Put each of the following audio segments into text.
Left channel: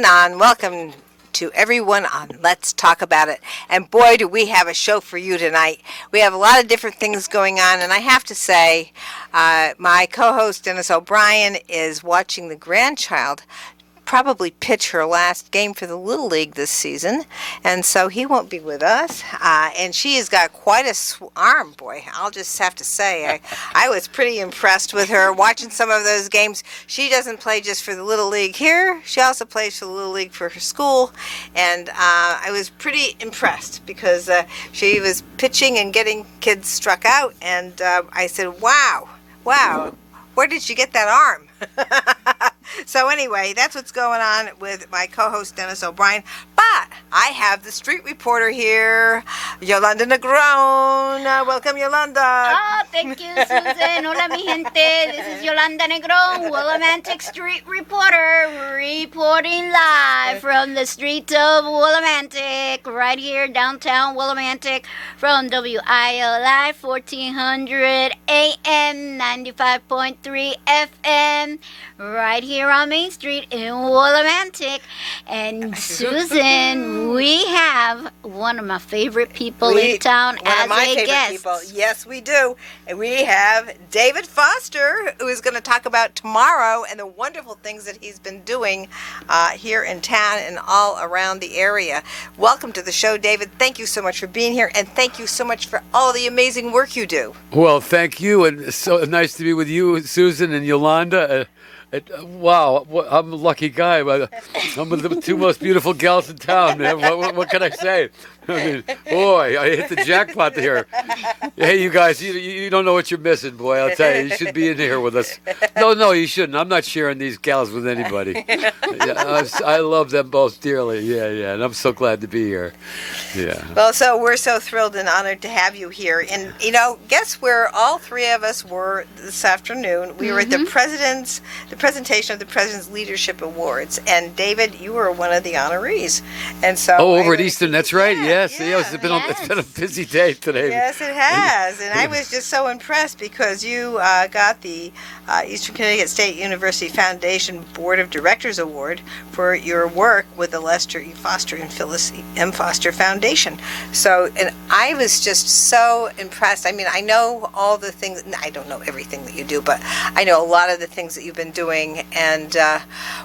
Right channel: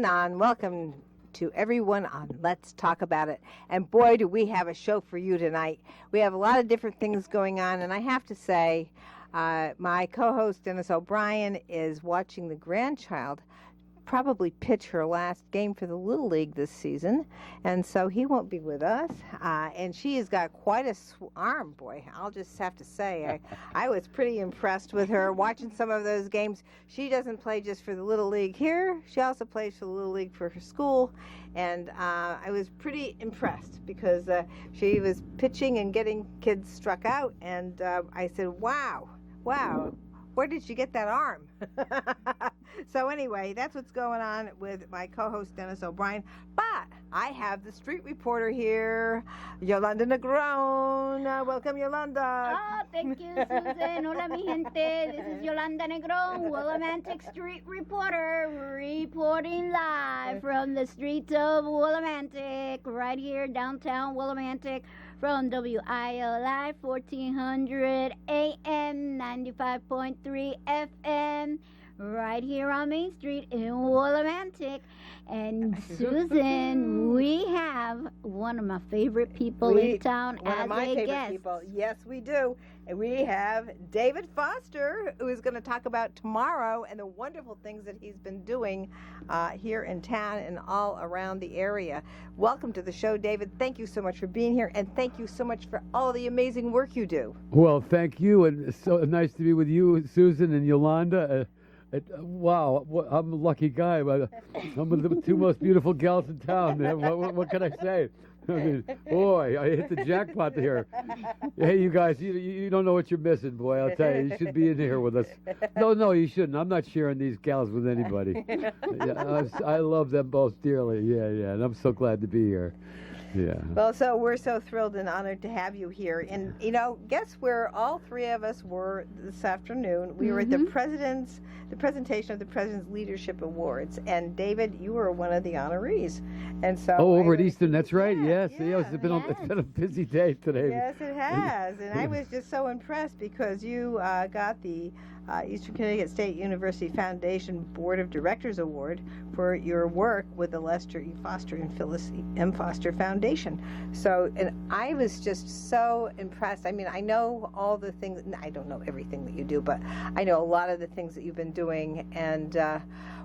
On. Welcome to everyone on Let's Talk About It. And boy, do we have a show for you tonight. We have a lot of different things going on, and I have to say, my co host Dennis O'Brien is watching the grandchild probably pitch her last game for the Little League this season, and so he won't be with us. And she has got quite a arm, boy. I'll just have to say, I was pretty impressed with her watching some of those games. She doesn't play just for the Little League here. She also plays for the Little League for her school, and I was pretty impressed because she was pitching and getting kids struck out, and I said, wow, where did you get that arm? So anyway, that's what's going on with my co-host Dennis O'Brien. But I have the street reporter here, Yolanda Negron. Welcome, Yolanda. Oh, thank you, Susan. Hola, mi gente. This is Yolanda Negron, Willimantic street reporter, reporting live from the streets of Willimantic, right here downtown Willimantic, from WILI 1400 AM, 95.3 FM, right here on Main Street in Willimantic. And Susan, we have one of my favorite people in town as a guest. People. Yes, we do. And we have David Foster, who is going to talk about tomorrow and the wonderful things that he's been doing here in town and all around the area. Welcome to the show, David. Thank you so much for being here, and thank you so much for all the amazing work you do. Well, thank you, and it's so nice to be with you, Susan and Yolanda. Wow, I'm a lucky guy. I'm with the two most beautiful gals in town, man. What can I say? I mean, boy, I hit the jackpot here. Hey, you guys, you don't know what you're missing, boy. I'll tell you, you should be in here with us. No, you shouldn't. I'm not sharing these gals with anybody. Yeah, I love them both dearly. Yeah, and I'm so glad to be here. Yeah. Well, so we're so thrilled and honored to have you here. And, guess where all three of us were this afternoon? We were at the presentation of the President's Leadership Awards. And, David, you were one of the honorees. And so over at Eastern, that's right. Yeah. Yes. It's been a busy day today. Yes, it has. And I was just so impressed because you got the Eastern Connecticut State University Foundation Board of Directors Award for your work with the Lester E. Foster and Phyllis M. Foster Foundation. So, and I was just so impressed. I mean, I know all the things, I don't know everything that you do, but I know a lot of the things that you've been doing. And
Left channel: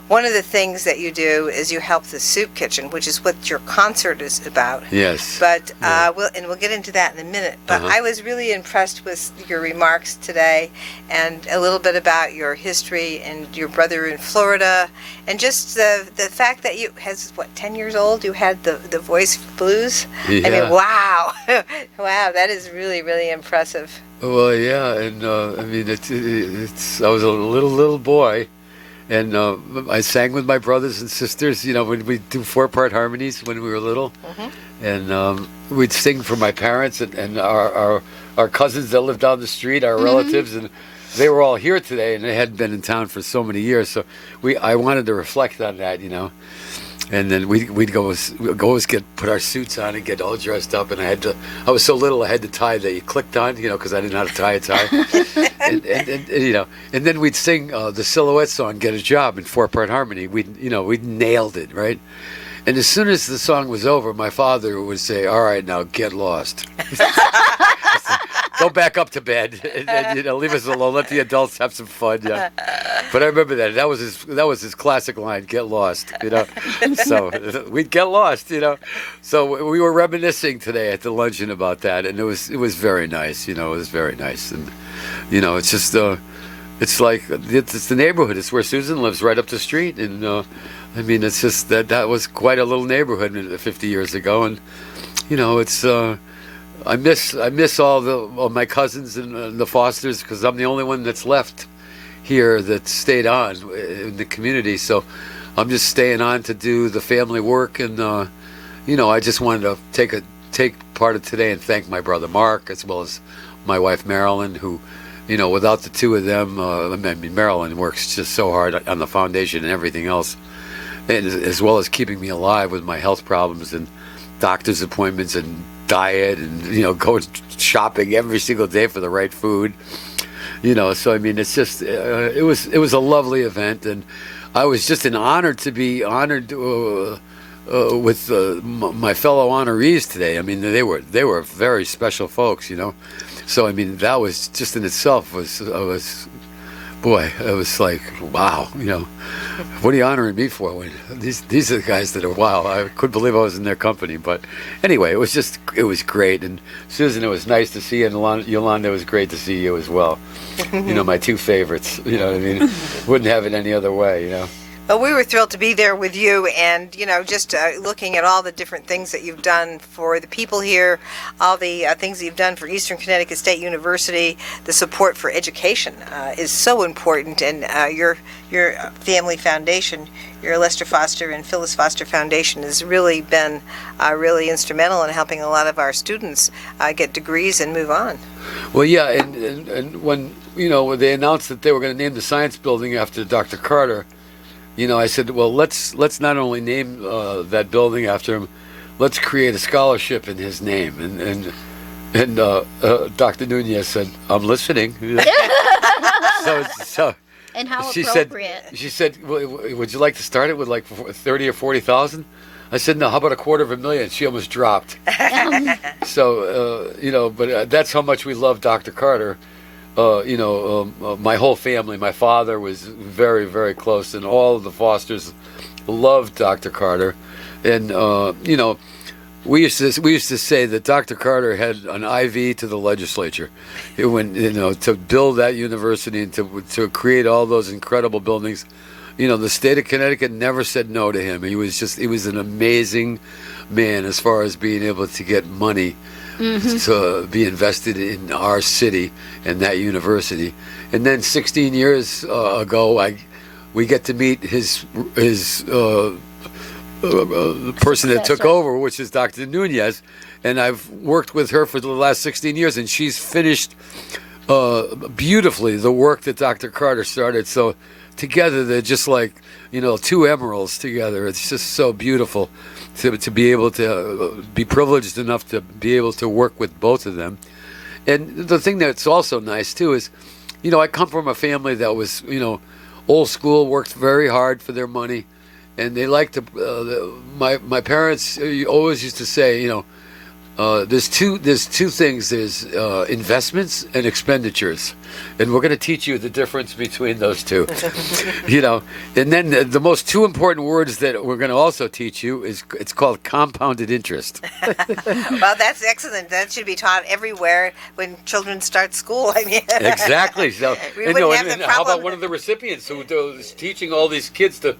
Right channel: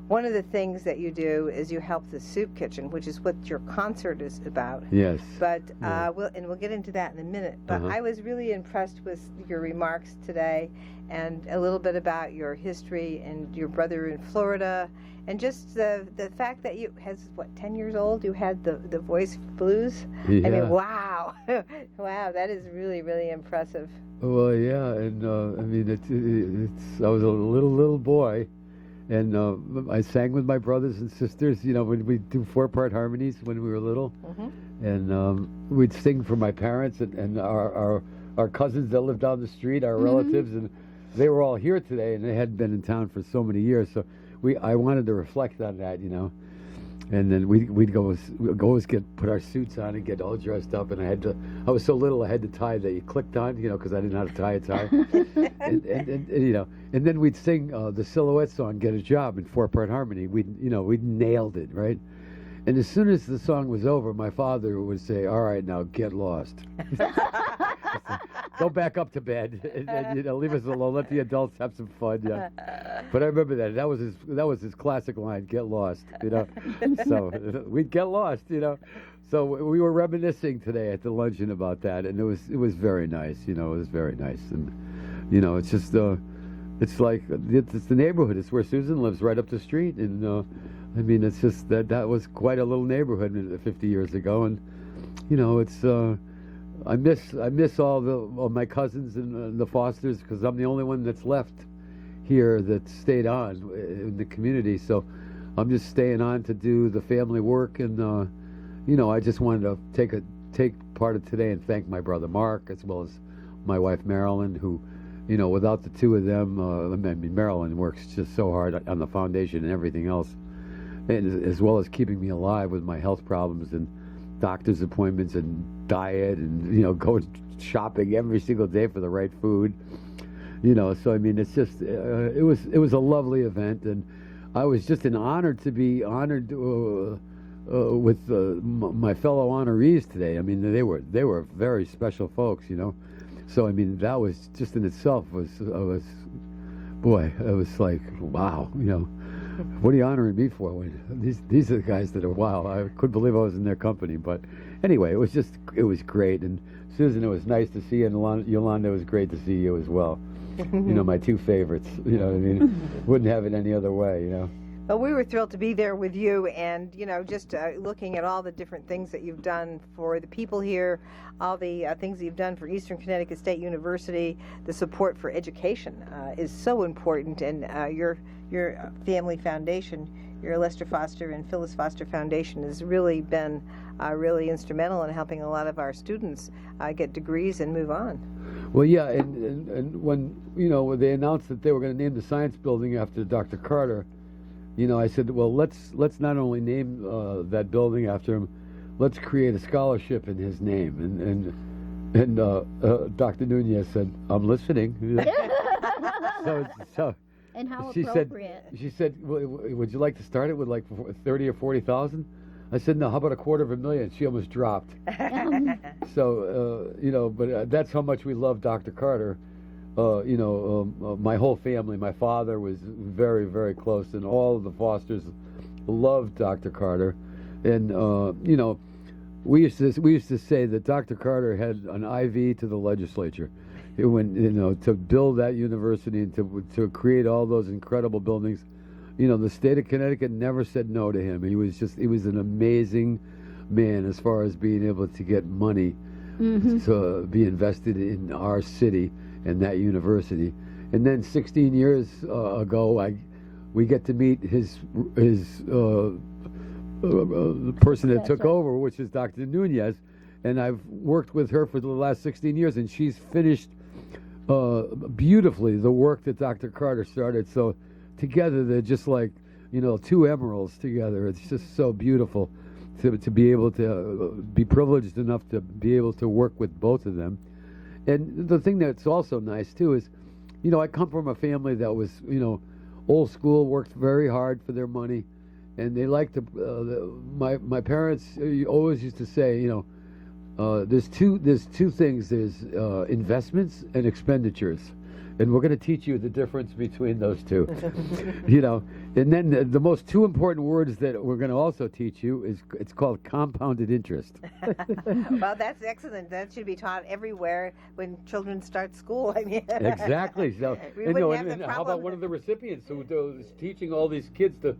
one of the things that you do is you help the Soup Kitchen, which is what your concert is about. Yes. But we'll get into that in a minute. But I was really impressed with your remarks today, and a little bit about your history and your brother in Florida, and just the fact that you, 10 years old, you had the voice blues. Yeah. I mean, wow, wow, that is really, really impressive. Well, yeah, and I mean, it's. I was a little boy, and I sang with my brothers and sisters. When we do 4-part harmonies when we were little. And we'd sing for my parents and our cousins that lived down the street, our relatives, and they were all here today, and they hadn't been in town for so many years. So I wanted to reflect on that, And then we'd go put our suits on and get all dressed up, and I was so little I had the tie that you clicked on, because I didn't know how to tie a tie. and then we'd sing the Silhouette song, "Get a Job" in 4-part harmony. We nailed it, right? And as soon as the song was over, my father would say, "All right, now get lost. Go back up to bed and leave us alone. Let the adults have some fun." Yeah. But I remember that. That was his classic line, "Get lost." So we'd get lost. So we were reminiscing today at the luncheon about that, and it was very nice. It was very nice, and it's just it's like it's the neighborhood. It's where Susan lives, right up the street, and. I mean, it's just that was quite a little neighborhood 50 years ago, and it's I miss all my cousins and the Fosters, because I'm the only one that's left here that stayed on in the community. So I'm just staying on to do the family work, and I just wanted to take part of today and thank my brother Mark, as well as my wife Marilyn, who. Without the two of them, Marilyn works just so hard on the foundation and everything else, and as well as keeping me alive with my health problems and doctor's appointments and diet and going shopping every single day for the right food. So I mean, it's just it was a lovely event, and I was just an honor to be honored with my fellow honorees today. I mean, they were very special folks, you know. So I mean, that was just in itself boy, it was like, wow, you know, what are you honoring me for? When these are the guys that are, wow, I couldn't believe I was in their company. But anyway, it was great. And Susan, it was nice to see you. And Yolanda, it was great to see you as well. You know, my two favorites, you know what I mean? Wouldn't have it any other way, you know. Well, we were thrilled to be there with you, and just looking at all the different things that you've done for the people here, all the things that you've done for Eastern Connecticut State University. The support for education is so important, and your family foundation, your Lester Foster and Phyllis Foster Foundation, has really been really instrumental in helping a lot of our students get degrees and move on. Well, yeah, and when when they announced that they were going to name the science building after Dr. Carter. I said, well, let's not only name that building after him, let's create a scholarship in his name. And Dr. Nunez said, I'm listening. so And how she appropriate. She said, would you like to start it with like 30 or 40,000? I said, no, how about $250,000? She almost dropped. So, but that's how much we love Dr. Carter. My whole family, my father was very, very close, and all of the Fosters loved Dr. Carter. And, we used to say that Dr. Carter had an IV to the legislature to build that university and to create all those incredible buildings. The state of Connecticut never said no to him. He was an amazing man as far as being able to get money to be invested in our city and that university. And then 16 years ago, we get to meet his the person that took over, which is Dr. Nunez, and I've worked with her for the last 16 years, and she's finished beautifully the work that Dr. Carter started. So together, they're just like two emeralds together. It's just so beautiful to be able to be privileged enough to be able to work with both of them. And the thing that's also nice too is, I come from a family that was, old school, worked very hard for their money, and they like to. My parents always used to say, there's two things. There's investments and expenditures, and we're going to teach you the difference between those two. And then the most two important words that we're going to also teach you it's called compounded interest. Well, that's excellent. That should be taught everywhere when children start school. I mean, exactly. So, we wouldn't have the and how about problem. one of the recipients who is teaching all these kids to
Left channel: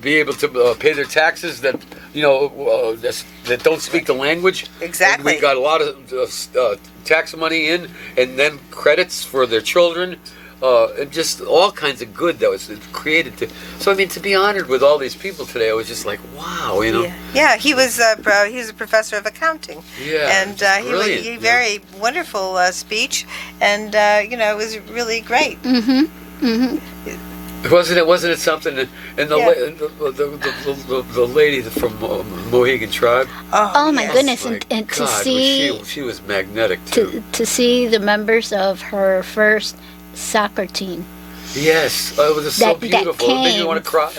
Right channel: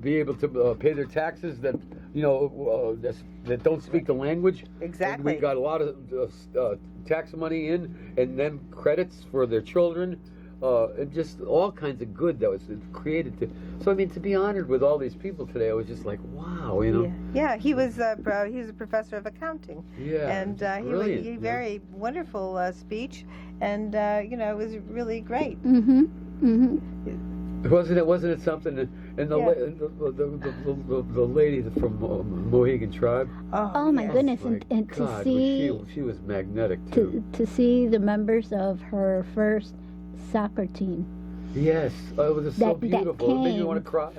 be able to pay their taxes that that don't speak the language. Exactly. And we got a lot of tax money in, and then credits for their children, and just all kinds of good that was created. So I mean, to be honored with all these people today, I was just like, wow, Yeah, he was a professor of accounting. Yeah, and brilliant, he very wonderful speech, and it was really great. Wasn't it something? And the lady from Mohegan Tribe. Oh my yes. goodness! My And to God, see she was magnetic too. to see the members of her first soccer team Yes, it was so that beautiful. It made me came, want to cry.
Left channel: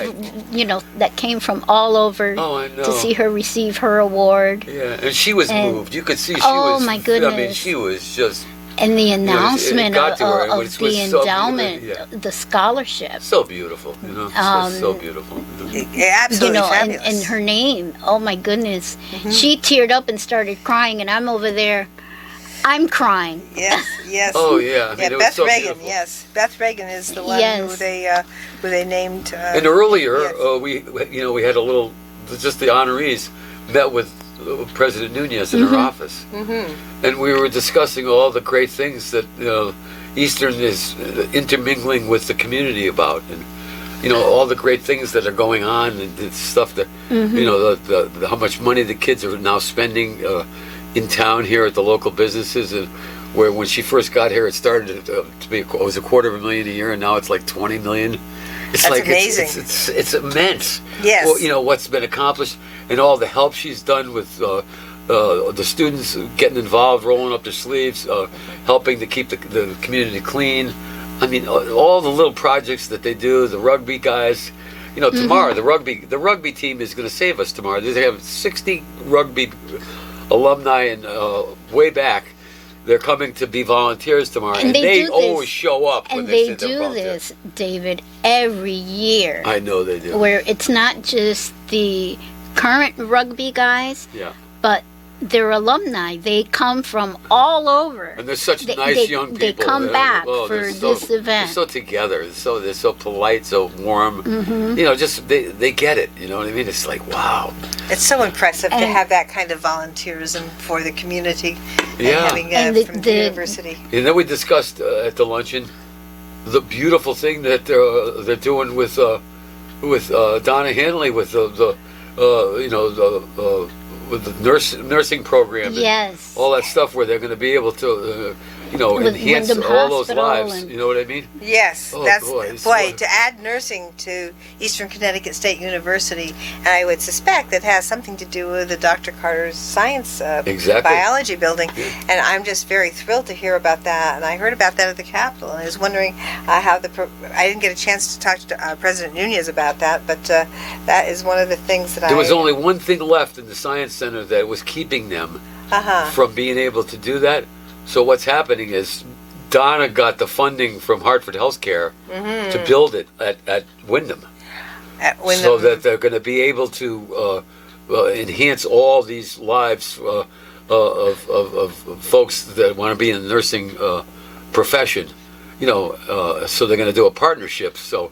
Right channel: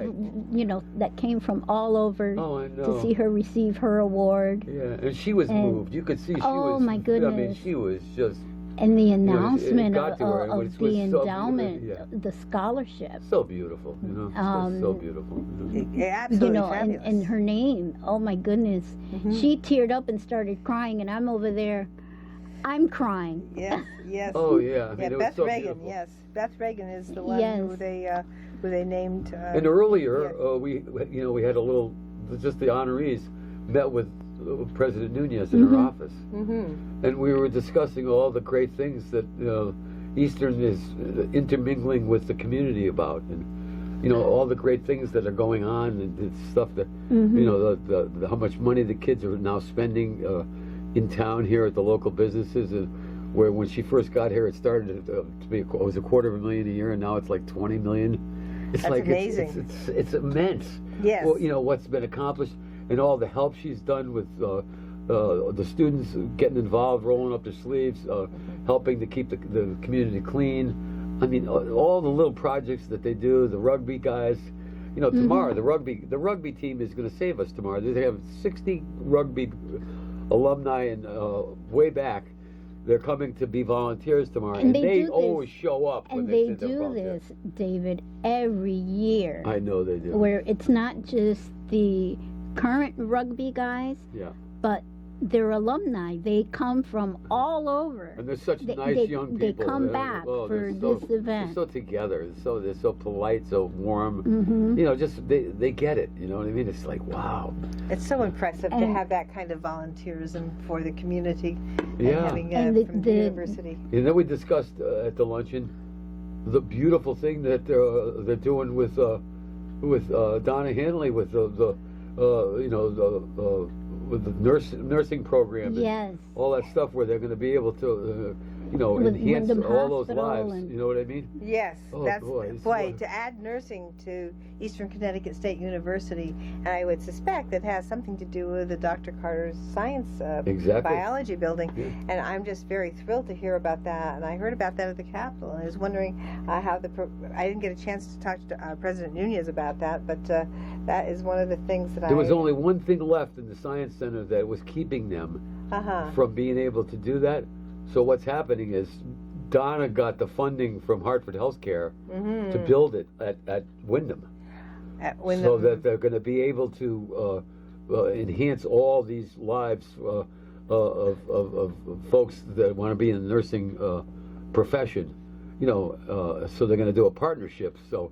that came from all over Oh, I know. to see her receive her award. Yeah, and she was And- moved. You could see she Oh, was. my I mean, goodness. she was just And the it announcement got to her, of which the was so endowment, beautiful, yeah. the scholarship, so beautiful. So beautiful. Yeah, absolutely and, fabulous. and her name. Oh my goodness, she teared up and started crying, and I'm over there, I'm crying. Yes. Oh yeah, I mean, it was Beth so Reagan. beautiful. Yes, Beth Reagan is the one Yes. who they named. And earlier, yes. we had a little, just the honorees met with President Nunez in her office, and we were discussing all the great things that Eastern is intermingling with the community about, and all the great things that are going on, and the stuff that the how much money the kids are now spending in town here at the local businesses, and where when she first got here, it started to be it was $250,000 a year, and now it's like $20 million. It's That's like amazing. It's immense. Yes. Well, what's been accomplished and all the help she's done with the students getting involved, rolling up their sleeves, helping to keep the community clean. I mean, all the little projects that they do, the rugby guys. You know, tomorrow the rugby team is going to save us tomorrow. They have 60 rugby alumni and way back. They're coming to be volunteers tomorrow, and they always show up. And when they say they're do volunteers. this, David, every year. I know they do. Where it's not just the current rugby guys, Yeah. but their alumni. They come from all over. And they're such They- nice they- young people. they come back for they're this event. They're so together. They're so polite, so warm. Mm-hmm. You know, just they get it. You know what I mean? It's like, wow. It's so impressive to And- have that kind of volunteerism for the community and Yeah. having And from the university. And then we discussed at the luncheon the beautiful thing that they're doing with Donna Hanley with the with the nursing program. And Yes. all that stuff where they're going to be able to With enhance Wyndham all those Hospital lives. and- You know what I mean? Yes, Oh, that's boy, it's boy so- to add nursing to Eastern Connecticut State University, and I would suspect that has something to do with the Dr. Carter's science Exactly. biology building, and I'm just very thrilled to hear about that. And I heard about that at the Capitol, and I was wondering how I didn't get a chance to talk to President Nunez about that, but that is one of the things that There was only one thing left in the Science Center that was keeping them from being able to do that. So what's happening is Donna got the funding from Hartford Healthcare to build it at Wyndham, at Wyndham. so that they're going to be able to enhance all these lives of folks that want to be in the nursing profession. You know, so they're going to do a partnership. So,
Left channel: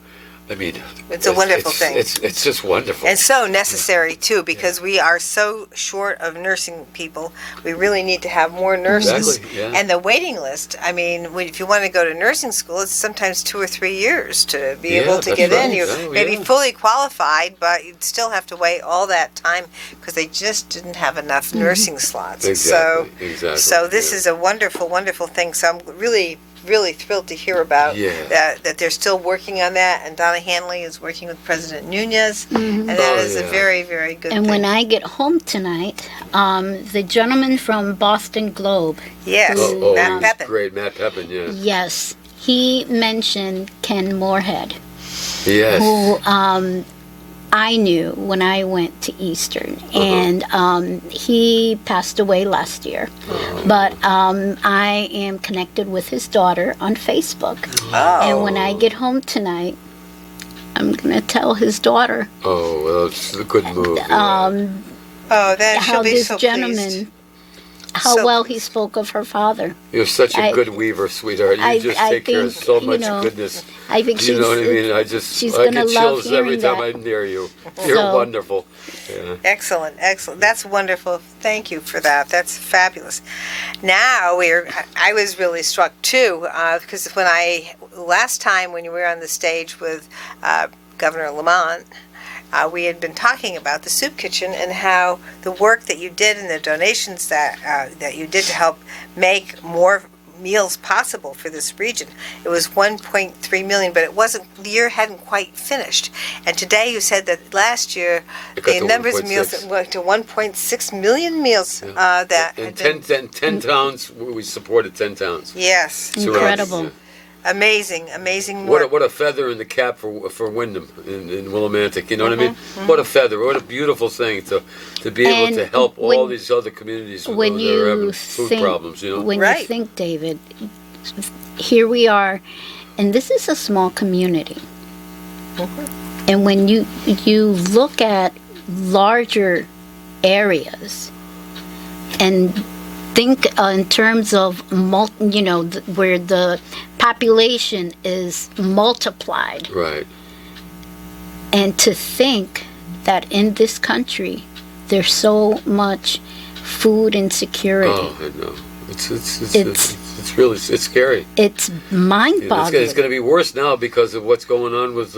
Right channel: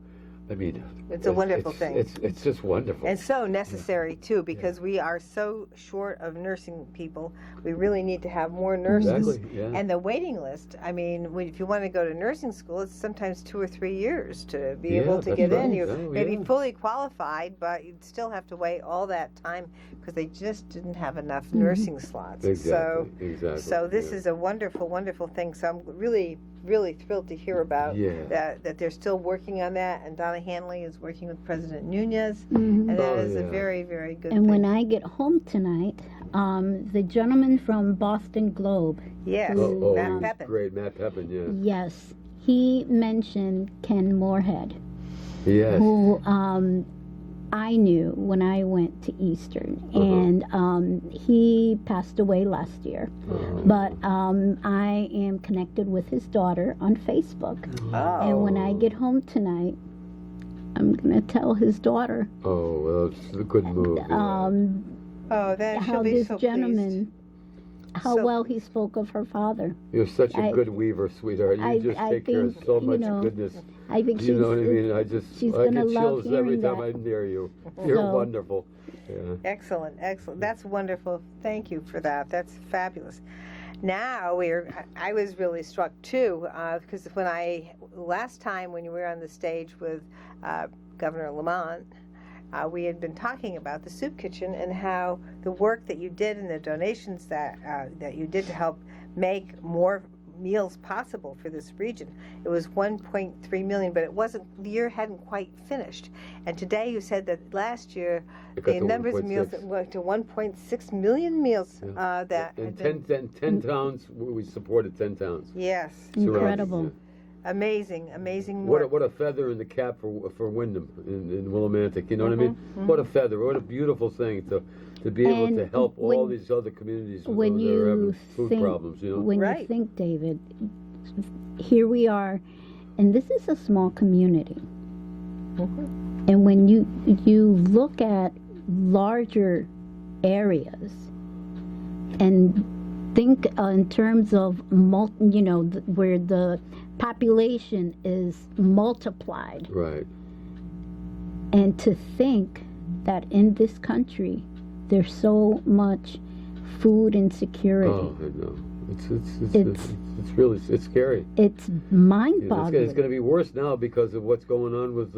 I mean, It's a wonderful thing. It's just wonderful. And so necessary too, because we are so short of nursing people. We really need to have more nurses. Exactly, yeah. And the waiting list. I mean, if you want to go to nursing school, it's sometimes 2 or 3 years to be Yeah, able to that's get in. right. You Oh, may be yeah. fully qualified, but you'd still have to wait all that time because they just didn't have enough nursing slots. Exactly, exactly, So this yeah. is a wonderful, wonderful thing. So I'm really thrilled to hear about Yeah. that they're still working on that, and Donna Hanley is working with President Nunez, and that Oh, is a yeah. very, very good And thing. when I get home tonight, the gentleman from Boston Globe, Yes, Oh, Matt he's Pepin. great, Matt Pepin. Yeah. yes, he mentioned Ken Moorhead, Yes. who I knew when I went to Eastern, and he passed away last year. But I am connected with his daughter on Facebook, and when I get home tonight, I'm gonna tell his daughter Oh, well, it's a good move. yeah. Oh, then she'll how be this so gentleman, pleased. how So well he spoke of her father. You're such a I- good weaver, sweetheart. You I- just I take care of think, so you much know, goodness. I think You know what I mean? she's I gonna get love chills every hearing time that. I'm near you. You're So- wonderful. Yeah. Excellent, excellent. That's wonderful. Thank you for that. That's fabulous. Now I was really struck too, because last time when you were on the stage with Governor Lamont, we had been talking about the soup kitchen and how the work that you did and the donations that you did to help make more meals possible for this region. It was 1.3 million, but the year hadn't quite finished. And today you said that last year It got the to numbers of meals 1.6. went to 1.6 million meals that In had been 10 towns, we supported 10 towns. yes, Surrounding, Incredible. yeah. amazing work. What a feather in the cap for Wyndham in Willimantic. You know what I mean? What a feather! What a beautiful thing to be able And to help all when- these other communities that When are you having food think, problems. You know? when Right. you think, David, here we are, and this is a small community. And when you look at larger areas and think in terms of where the population is multiplied, Right. and to think that in this country there's so much food insecurity. Oh, I know. It's really scary. It's It's mind-boggling. going to be worse now because of what's going on with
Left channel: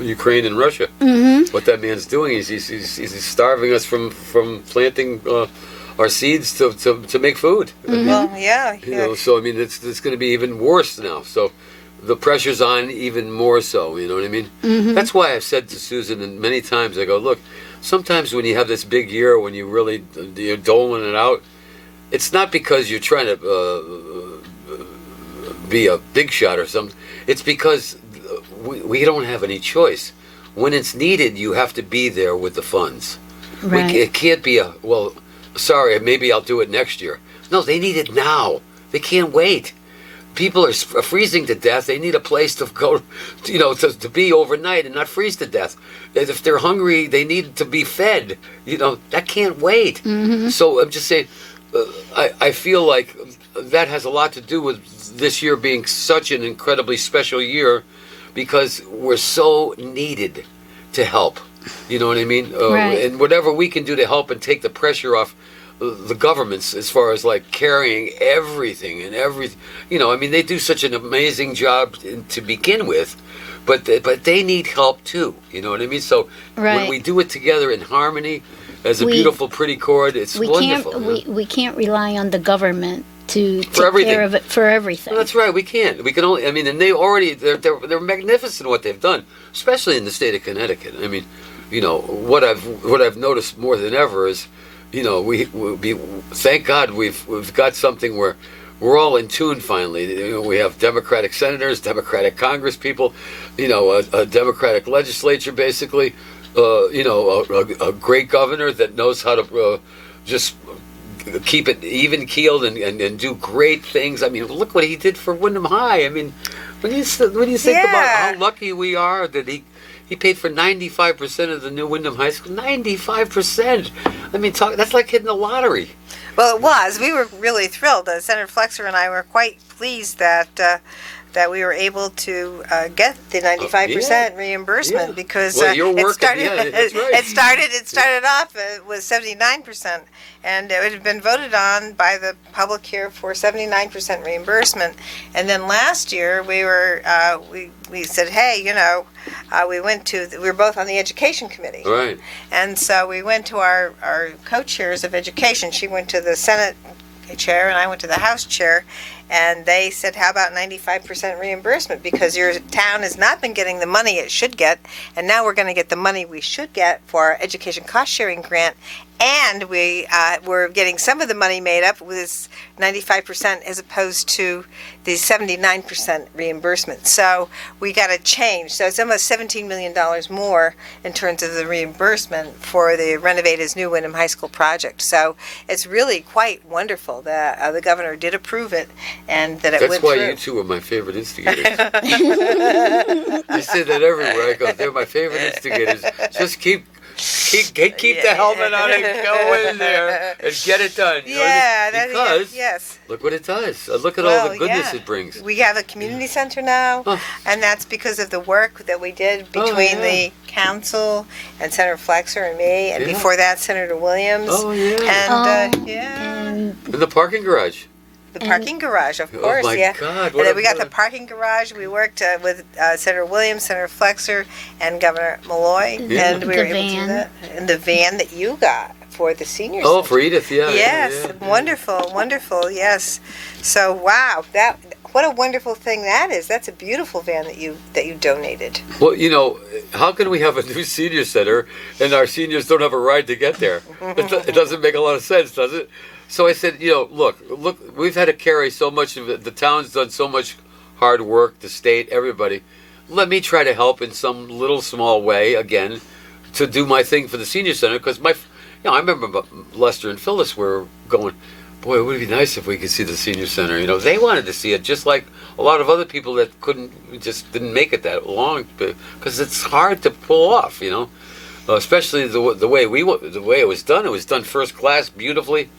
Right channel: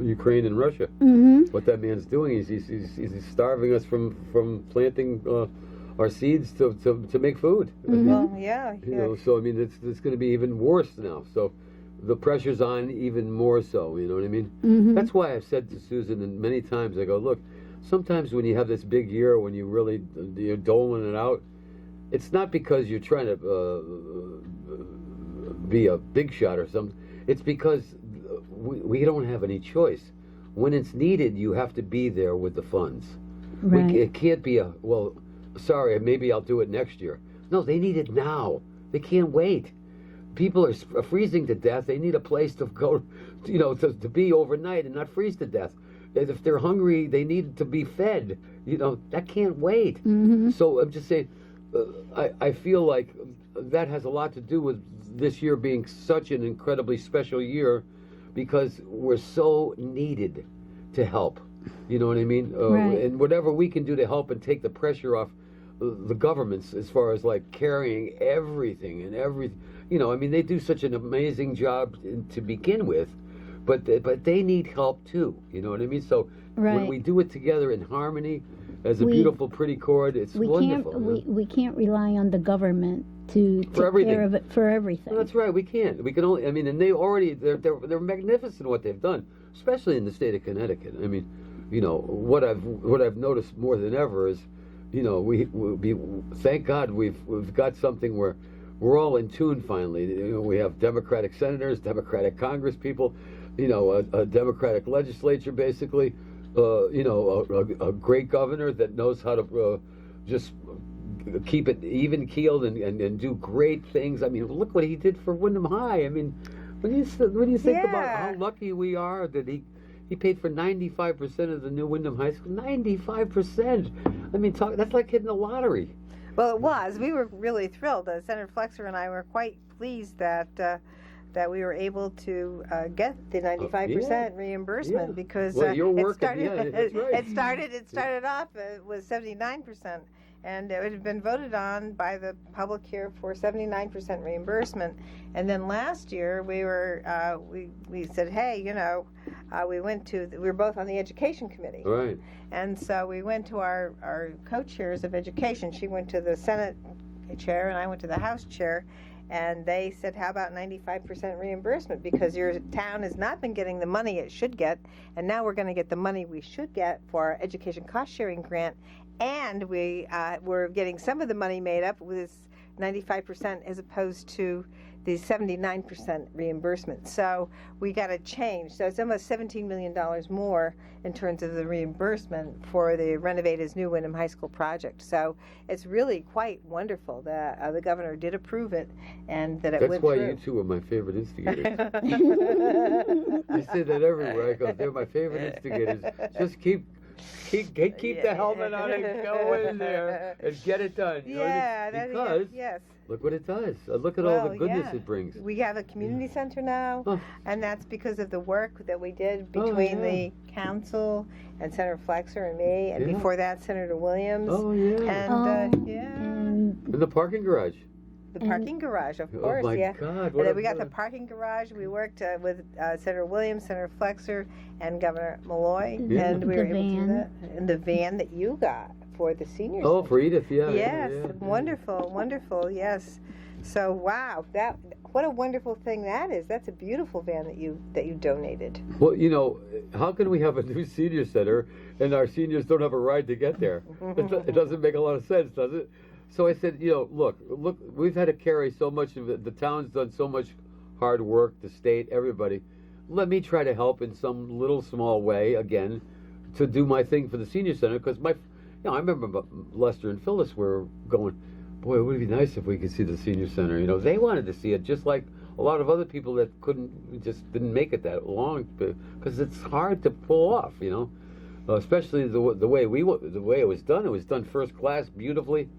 Ukraine and Russia. Mm-hmm. What that man's doing is he's starving us from planting our seeds to make food. Well, yeah, You know, so I mean, it's going to be even worse now. So the pressure's on even more so. You know what I mean? Mm-hmm. That's why I've said to Susan and many times, I go, look, sometimes when you have this big year, when you're doling it out, it's not because you're trying to be a big shot or something. It's because we don't have any choice. When it's needed, you have to be there with the funds. Right. It can't be sorry, maybe I'll do it next year. No, they need it now. They can't wait. People are freezing to death. They need a place to go, to be overnight and not freeze to death. If they're hungry, they need to be fed. That can't wait. So I'm just saying, I feel like that has a lot to do with this year being such an incredibly special year, because we're so needed to help. You know what I mean? Right. And whatever we can do to help and take the pressure off the governments, as far as like carrying everything and everything. They do such an amazing job to begin with, but they need help too. You know what I mean? So when we do it together in harmony, as a beautiful, pretty chord, it's wonderful. We can't rely on the government to take everything. care of it for everything. Well, that's right. We can't. We can only. And they're magnificent what they've done, especially in the state of Connecticut. What I've noticed more than ever is, thank God we've got something where we're all in tune finally. We have Democratic senators, Democratic Congress people, a Democratic legislature basically, a great governor that knows how to just keep it even keeled and do great things. Look what he did for Wyndham High. When you think about how lucky we are that he paid for 95% of the new Wyndham High School. 95%. That's like hitting the lottery. Well, it was. We were really thrilled. Senator Flexer and I were quite pleased that we were able to get the 95% reimbursement, because your work it started off with 79%, and it had been voted on by the public here for 79% reimbursement. And then last year we were we said, hey, we were both on the education committee, right? And so we went to our co-chairs of education. She went to the Senate chair and I went to the House chair, and they said, how about 95% reimbursement, because your town has not been getting the money it should get, and now we're going to get the money we should get for our education cost sharing grant, and we're getting some of the money made up with this 95% as opposed to the 79% reimbursement. So we got to change. So it's almost $17 million more in terms of the reimbursement for the Renovate His New Wyndham High School project. So it's really quite wonderful that the governor did approve it, and that it went through. That's why you two are my favorite instigators. You say that everywhere I go. They're my favorite instigators. Just keep the helmet on and go in there and get it done. Because yes. Look what it does. Look at all the goodness it brings. We have a community center now, and that's because of the work that we did between the council and Senator Flexer and me, and before that Senator Williams. And the parking garage. The parking garage, of course, God! And then we got the parking garage. We worked with Senator Williams, Senator Flexer, and Governor Malloy, and we were able to do that. And the van that you got for the seniors. Oh, for Edith, Yes, wonderful, yes. So, wow, what a wonderful thing that is. That's a beautiful van that you donated. Well, how can we have a new senior center and our seniors don't have a ride to get there? It doesn't make a lot of sense, does it? So I said, look, we've had to carry so much of it. The town's done so much hard work, the state, everybody. Let me try to help in some little small way, again, to do my thing for the senior center. Because I remember Lester and Phyllis were going, boy, it would be nice if we could see the senior center. They wanted to see it, just like a lot of other people that didn't make it that long, because it's hard to pull off, especially the way it was done. It was done first class, beautifully.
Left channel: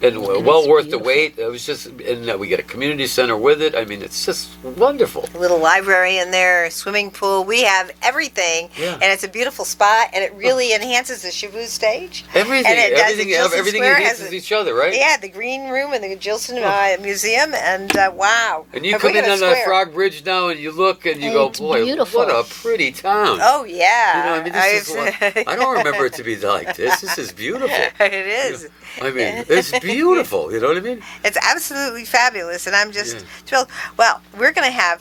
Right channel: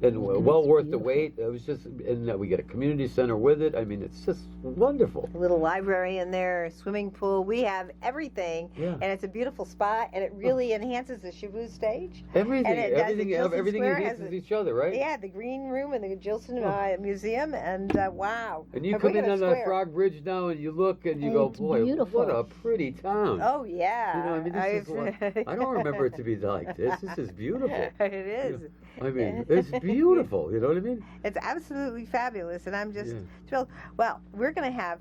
And well worth the wait. It was just, and we get a community center with it. It's just wonderful. A little library in there, a swimming pool. We have everything, and it's a beautiful spot, and it really enhances the Shavu stage. Everything, and everything enhances each other, right? Yeah, the green room and the Gilson Museum, and wow. And you come in on the Frog Bridge now, and you look, and you go, boy, beautiful. What a pretty town. Oh yeah. I don't remember it to be like this. This is beautiful. It is. It's beautiful. beautiful. You know what I mean? It's absolutely fabulous, and I'm just Yeah. thrilled. Well, we're going to have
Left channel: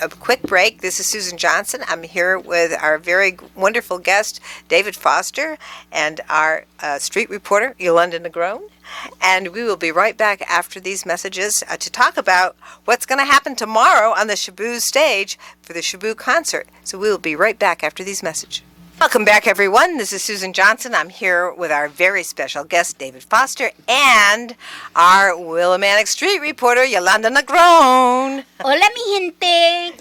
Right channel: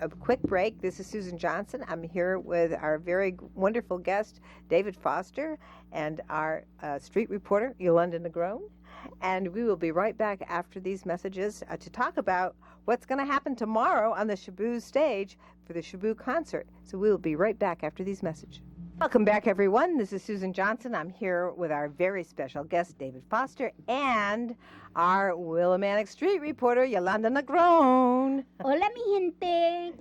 a quick break. This is Susan Johnson. I'm here with our very wonderful guest, David Foster, and our street reporter, Yolanda Negron. And we will be right back after these messages to talk about what's going to happen tomorrow on the Shaboo stage for the Shaboo concert. So we will be right back after these messages. Welcome back, everyone. This is Susan Johnson. I'm here with our very special guest, David Foster, and our Willimantic street reporter, Yolanda Negron. Hola, mi gente.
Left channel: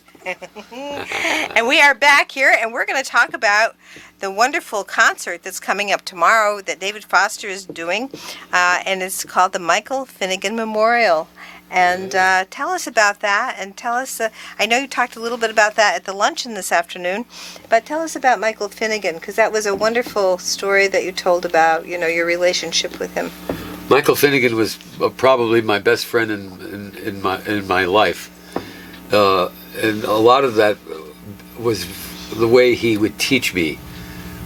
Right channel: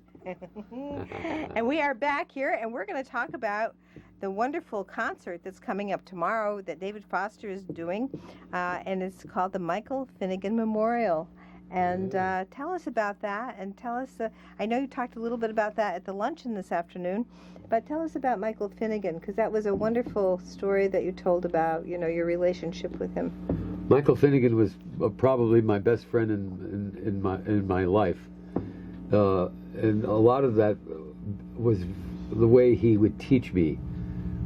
And we are back here, and we're going to talk about the wonderful concert that's coming up tomorrow that David Foster is doing, and it's called the Michael Finnegan Memorial. And tell us about that, and tell us, I know you talked a little bit about that at the luncheon this afternoon, but tell us about Michael Finnegan, because that was a wonderful story that you told about, your relationship with him. Michael Finnegan was probably my best friend in my life, and a lot of that was the way he would teach me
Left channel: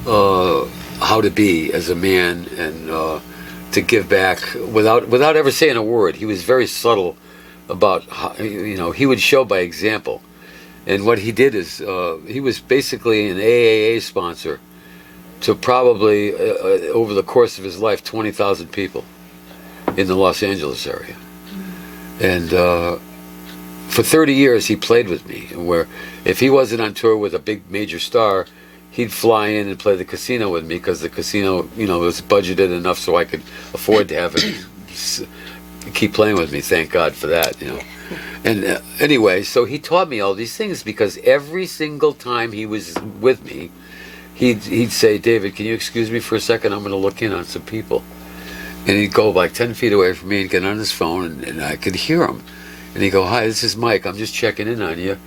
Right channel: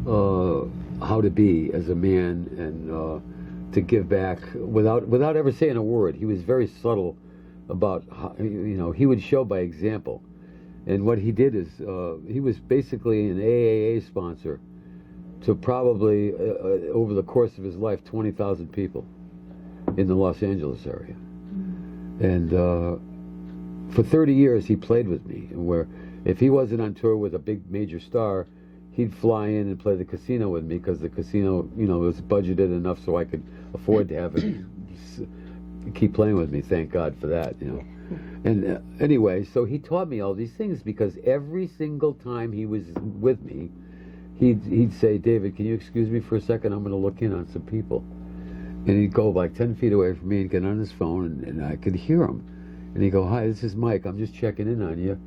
how to be as a man and to give back without ever saying a word. He was very subtle about how, he would show by example. And what he did is he was basically an AAA sponsor to probably over the course of his life 20,000 people in the Los Angeles area. And for 30 years he played with me, where if he wasn't on tour with a big major star, he'd fly in and play the casino with me, because the casino, was budgeted enough so I could afford to have him keep playing with me. Thank God for that, And anyway, so he taught me all these things, because every single time he was with me, he'd say, "David, can you excuse me for a second? I'm going to look in on some people." And he'd go like 10 feet away from me and get on his phone, and I could hear him. And he'd go, "Hi, this is Mike. I'm just checking in on you.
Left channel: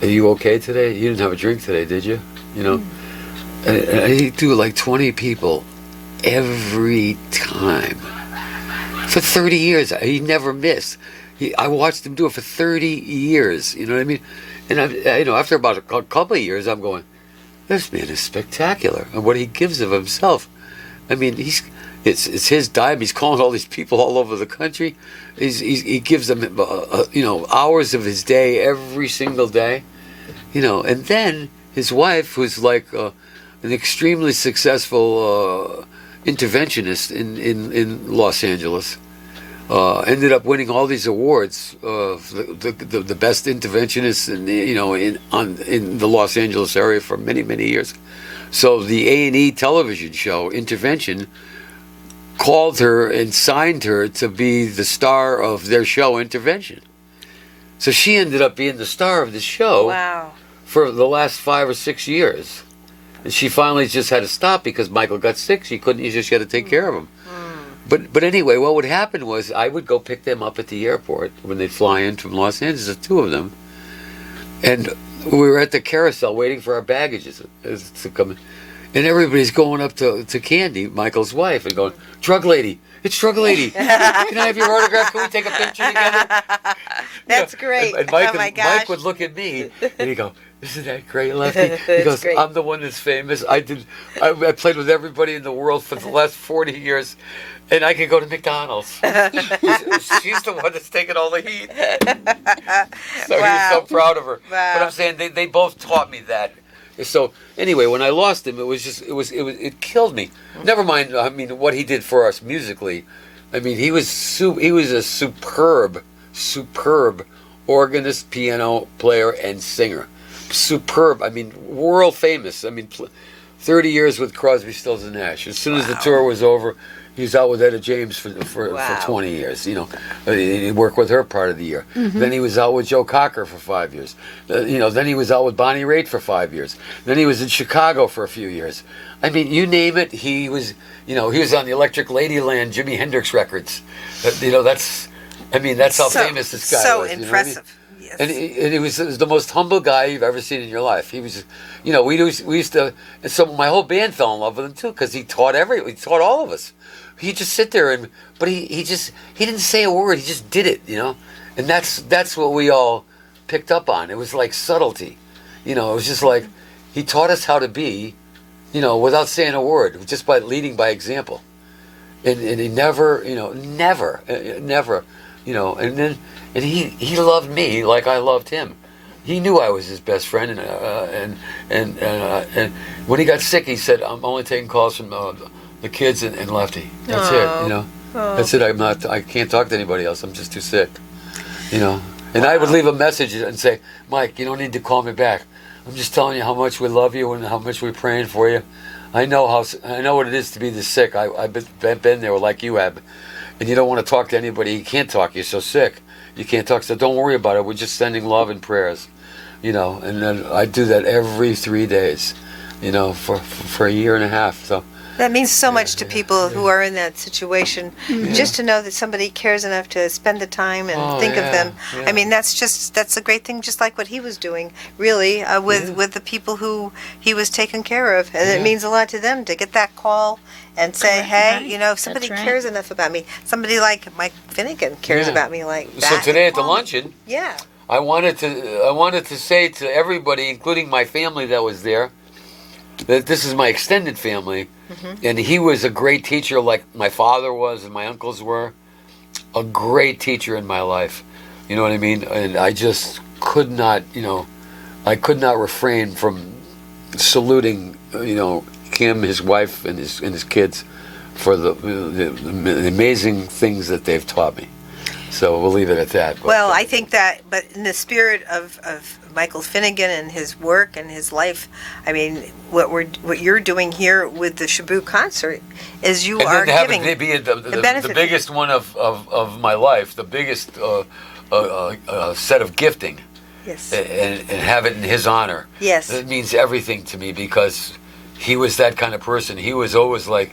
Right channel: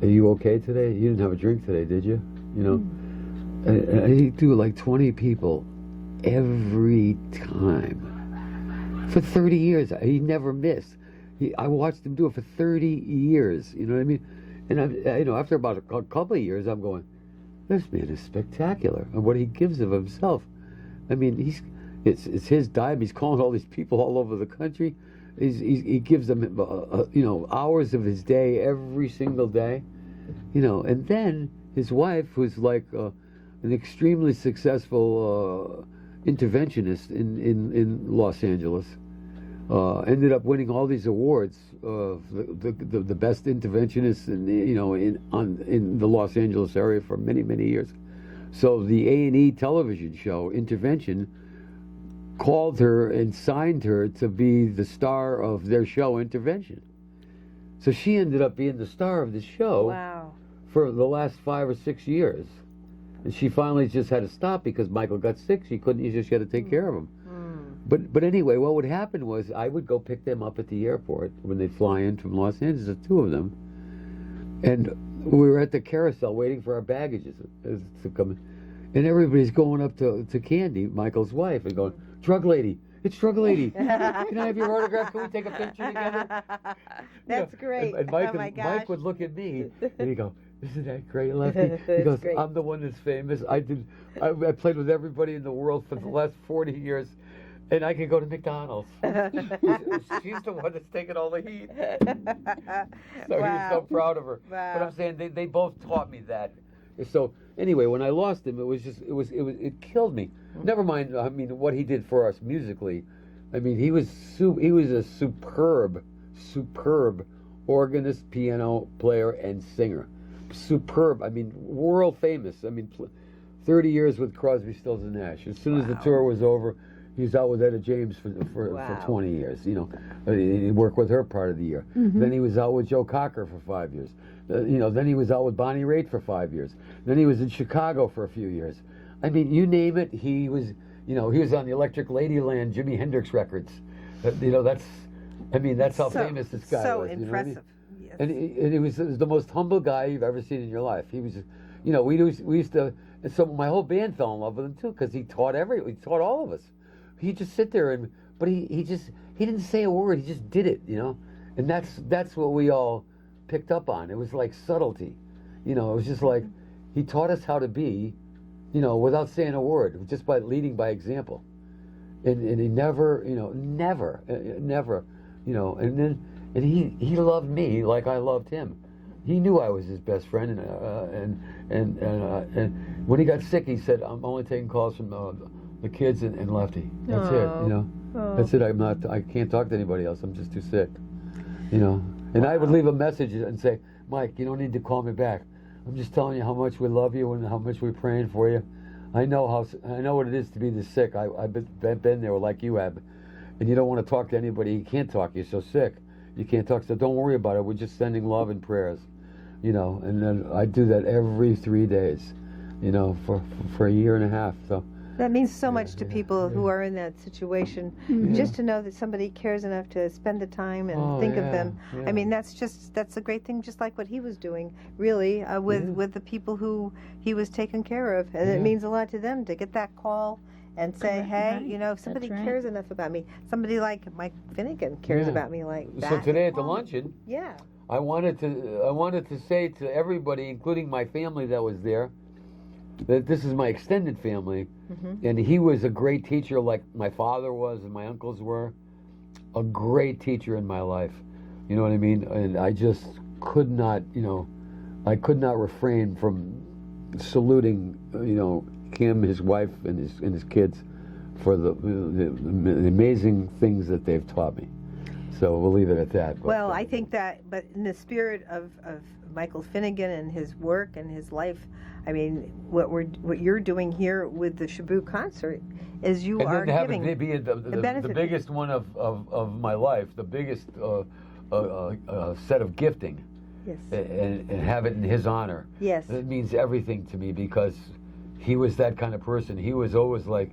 Are you okay today? You didn't have a drink today, did you?" And he'd do like 20 people every time. For 30 years, he never missed. I watched him do it for 30 years, you know what I mean? And after about a couple of years, I'm going, this man is spectacular. And what he gives of himself. I mean, it's his dime. He's calling all these people all over the country. He gives them, hours of his day every single day, and then his wife, who's like an extremely successful interventionist in Los Angeles, ended up winning all these awards, the best interventionist in the Los Angeles area for many, many years. So the A&E television show Intervention called her and signed her to be the star of their show Intervention. So she ended up being the star of the show. Wow. For the last 5 or 6 years. And she finally just had to stop because Michael got sick. She just had to take care of him. But anyway, what would happen was I would go pick them up at the airport when they'd fly in from Los Angeles, the two of them. And we were at the carousel waiting for our baggages to come in. And everybody's going up to Candy, Michael's wife, and going, "Drug lady, it's Drug Lady. Can I have your autograph? Can we take a picture together?" That's great. And Mike, oh my gosh. Mike would look at me and he'd go, "Isn't that great, Lefty?" He goes, great. "I'm the one that's famous. I played with everybody in the world for the last 40 years, and I can go to McDonald's." She's the one that's taking all the heat. So he was so proud of her. Wow. But I'm saying they both taught me that. So anyway, when I lost him, it killed me. Never mind. I mean, what he did for us musically. I mean, he was a superb organist, piano player, and singer. Superb. I mean, world famous. I mean, 30 years with Crosby, Stills and Nash. As soon as the tour was over, he was out with Etta James for 20 years. He worked with her part of the year. Then he was out with Joe Cocker for 5 years. Then he was out with Bonnie Raitt for 5 years. Then he was in Chicago for a few years. I mean, you name it, he was. He was on the Electric Ladyland Jimi Hendrix records. That's how famous this guy so was. So impressive. Yes. And he was the most humble guy you've ever seen in your life. He was, we used to, and so my whole band fell in love with him too, because he taught all of us. He'd just sit there but he didn't say a word. He just did it, and that's what we all picked up on. It was like subtlety, it was just like he taught us how to be, without saying a word, just by leading by example. and he never, never, and he loved me like I loved him. He knew I was his best friend, and when he got sick, he said, "I'm only taking calls from the kids and Lefty. That's it. That's it. I can't talk to anybody else. I'm just too sick. And I would leave a message and say, Mike, you don't need to call me back. I'm just telling you how much we love you and how much we're praying for you. I know what it is to be this sick. I've been there like you have, and you don't want to talk to anybody. You can't talk. You're so sick. You can't talk. So don't worry about it. We're just sending love and prayers, And then I do that every 3 days, for a year and a half. So. That means so much to people who are in that situation. Just to know that somebody cares enough to spend the time and think of them. Yeah. I mean, that's a great thing, just like what he was doing, really, with the people who he was taking care of. And it means a lot to them to get that call and say, hey, somebody cares enough about me. Somebody like Mike Finnegan cares about me like that. So today at the luncheon, yeah, I wanted to say to everybody, including my family that was there, that this is my extended family, and he was a great teacher like my father was and my uncles were. A great teacher in my life. You know what I mean? And I just could not, I could not refrain from saluting, him, his wife, and his kids for the amazing things that they've taught me. So we'll leave it at that. But, well, I think that, but in the spirit of Michael Finnegan and his work and his life, I mean, what you're doing here with the Shaboo concert is you are giving the biggest one of my life, the biggest set of gifting. Yes. And have it in his honor. Yes. It means everything to me because he was that kind of person. He was always like,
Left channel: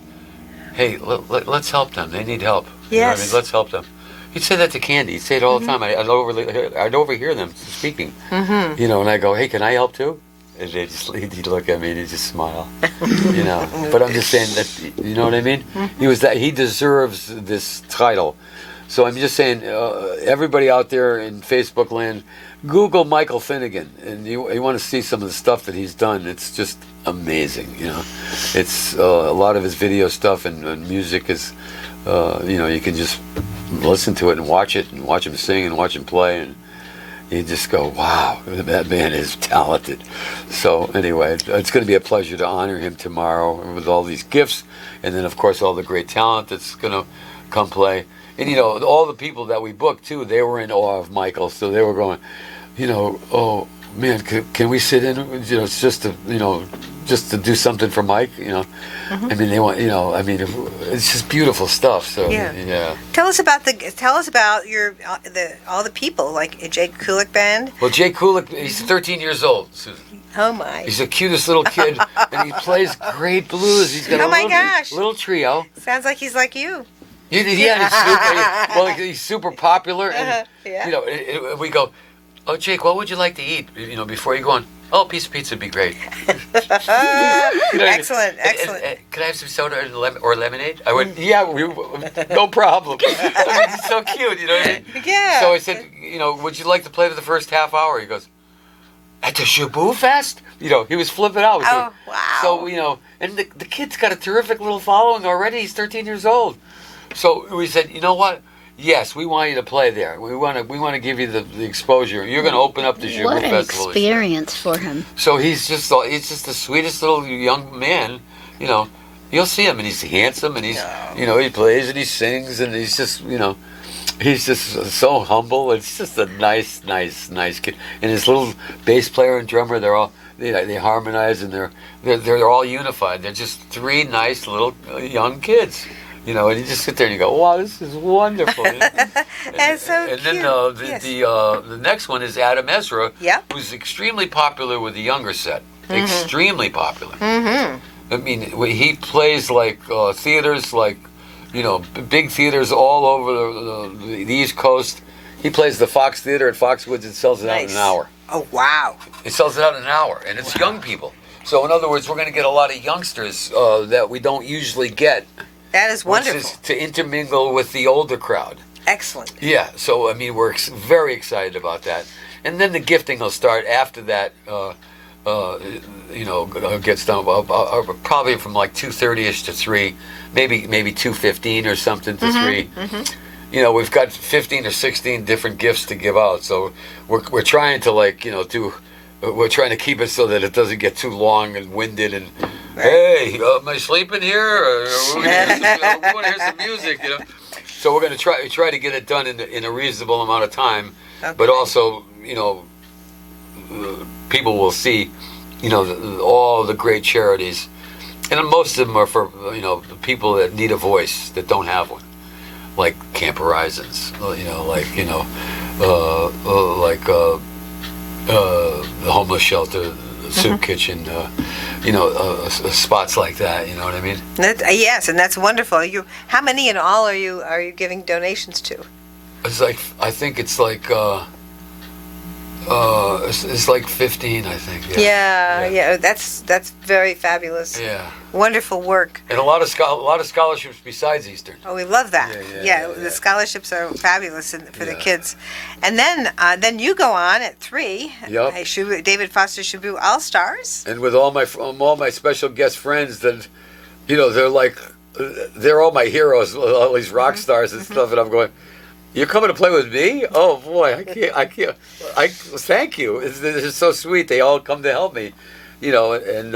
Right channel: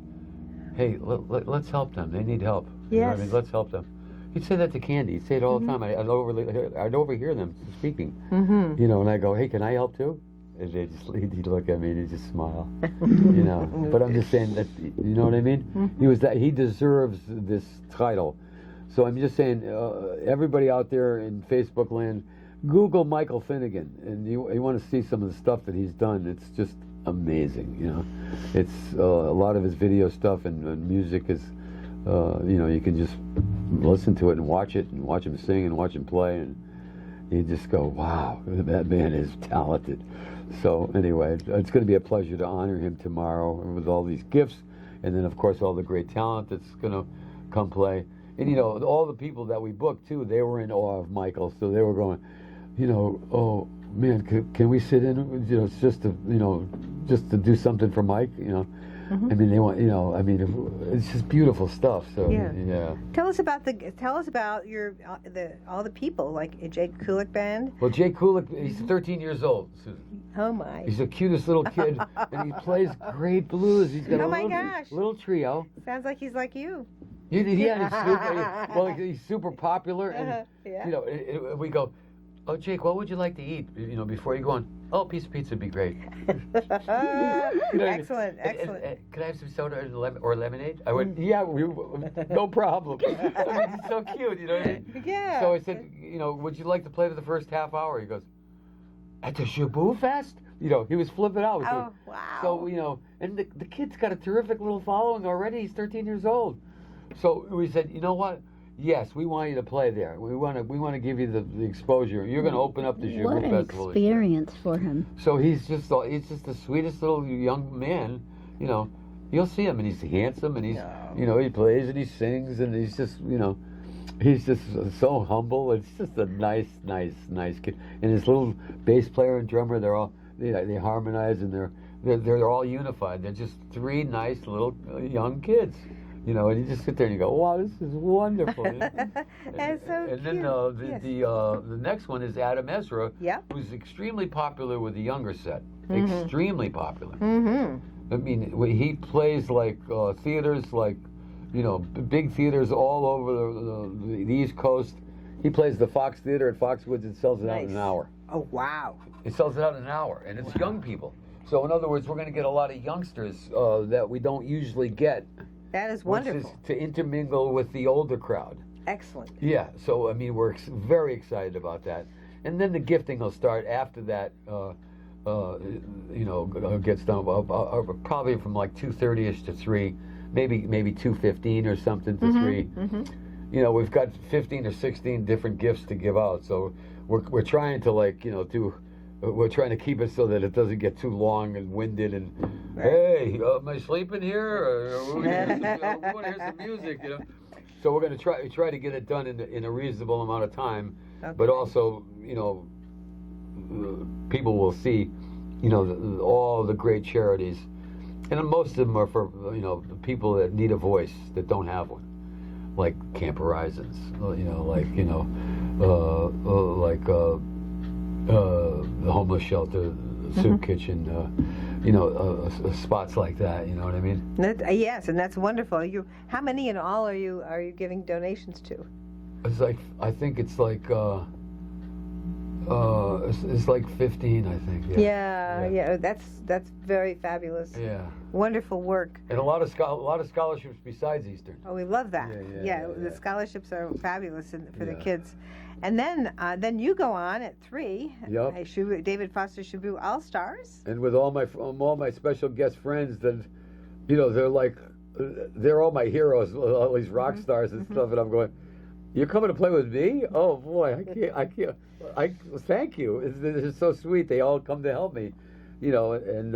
hey, let's help them. They need help. Yes. You know what I mean? Let's help them. He'd say that to Candy. He'd say it all the time. I'd overhear them speaking. And I go, hey, can I help too? And he'd look at me and he'd just smile. But I'm just saying that, you know what I mean? He deserves this title. So I'm just saying, everybody out there in Facebook land, Google Michael Finnegan, and you want to see some of the stuff that he's done. It's just amazing, It's a lot of his video stuff and music is, you can just listen to it and watch him sing and watch him play, and you just go, wow, that man is talented. So anyway, it's going to be a pleasure to honor him tomorrow with all these gifts, and then of course all the great talent that's going to come play. And all the people that we booked too, they were in awe of Michael, so they were going, oh man, can we sit in? It's just to do something for Mike. I mean, they want. It's just beautiful stuff. So yeah. Tell us about your all the people like Jay Kulik band. Well, Jay Kulik, he's 13 years old, Susan. Oh my! He's the cutest little kid, and he plays great blues. He's got little trio. Sounds like he's like you. He's super popular, and we go, oh, Jake, what would you like to eat? Before you go on. Oh, a piece of pizza would be great. Excellent. Could I have some soda or lemonade? I went, yeah, no problem. It's so cute, you know what I mean? Yeah. So I said, would you like to play for the first half hour? He goes, at the Shaboo Fest? He was flipping out. Oh, wow. So, and the kid's got a terrific little following already. He's 13 years old. So we said, you know what? Yes, we want you to play there. We want to give you the exposure. You're going to open up the Shaboo Festival. What an experience for him. So he's just the sweetest little young man. You'll see him, and he's handsome, and he's he plays and he sings, and he's just he's just so humble. It's just a nice kid. And his little bass player and drummer, they harmonize, and they're all unified. They're just three nice little young kids. And you just sit there and you go, wow, this is wonderful. That's so cute. And then the next one is Adam Ezra, who's extremely popular with the younger set. Extremely popular. I mean, he plays like theaters, like, big theaters all over the East Coast. He plays the Fox Theater at Foxwoods and sells it out in an hour. Oh, wow. It sells it out in an hour, and it's young people. So, in other words, we're going to get a lot of youngsters that we don't usually get. That is wonderful. Which is to intermingle with the older crowd. Excellent. Yeah, so I mean, we're very excited about that. And then the gifting will start after that. gets done probably from like 2:30ish to 3, maybe 2:15 or something to 3. We've got 15 or 16 different gifts to give out, so we're trying to we're trying to keep it so that it doesn't get too long and winded. And hey, am I sleeping here? Or we want to hear some music, So we're going to try to get it done in a reasonable amount of time, but also people will see, all the great charities, and most of them are for people that need a voice that don't have one, like Camp Horizons, the homeless shelter, the soup kitchen, spots like that. You know what I mean? Yes, and that's wonderful. How many in all are you giving donations to? It's like I think it's like. It's like 15, I think. Yeah. That's very fabulous. Yeah. Wonderful work. And a lot of scholarships besides Eastern. Oh, we love that. Yeah. The scholarships are fabulous for the kids. And then you go on at 3. Yep. David Foster Shaboo All Stars. And with all my special guest friends, that they're all my heroes, all these rock stars and stuff, and I'm going, you're coming to play with me? Oh boy, I can't. Thank you. It's so sweet. They all come to help me, and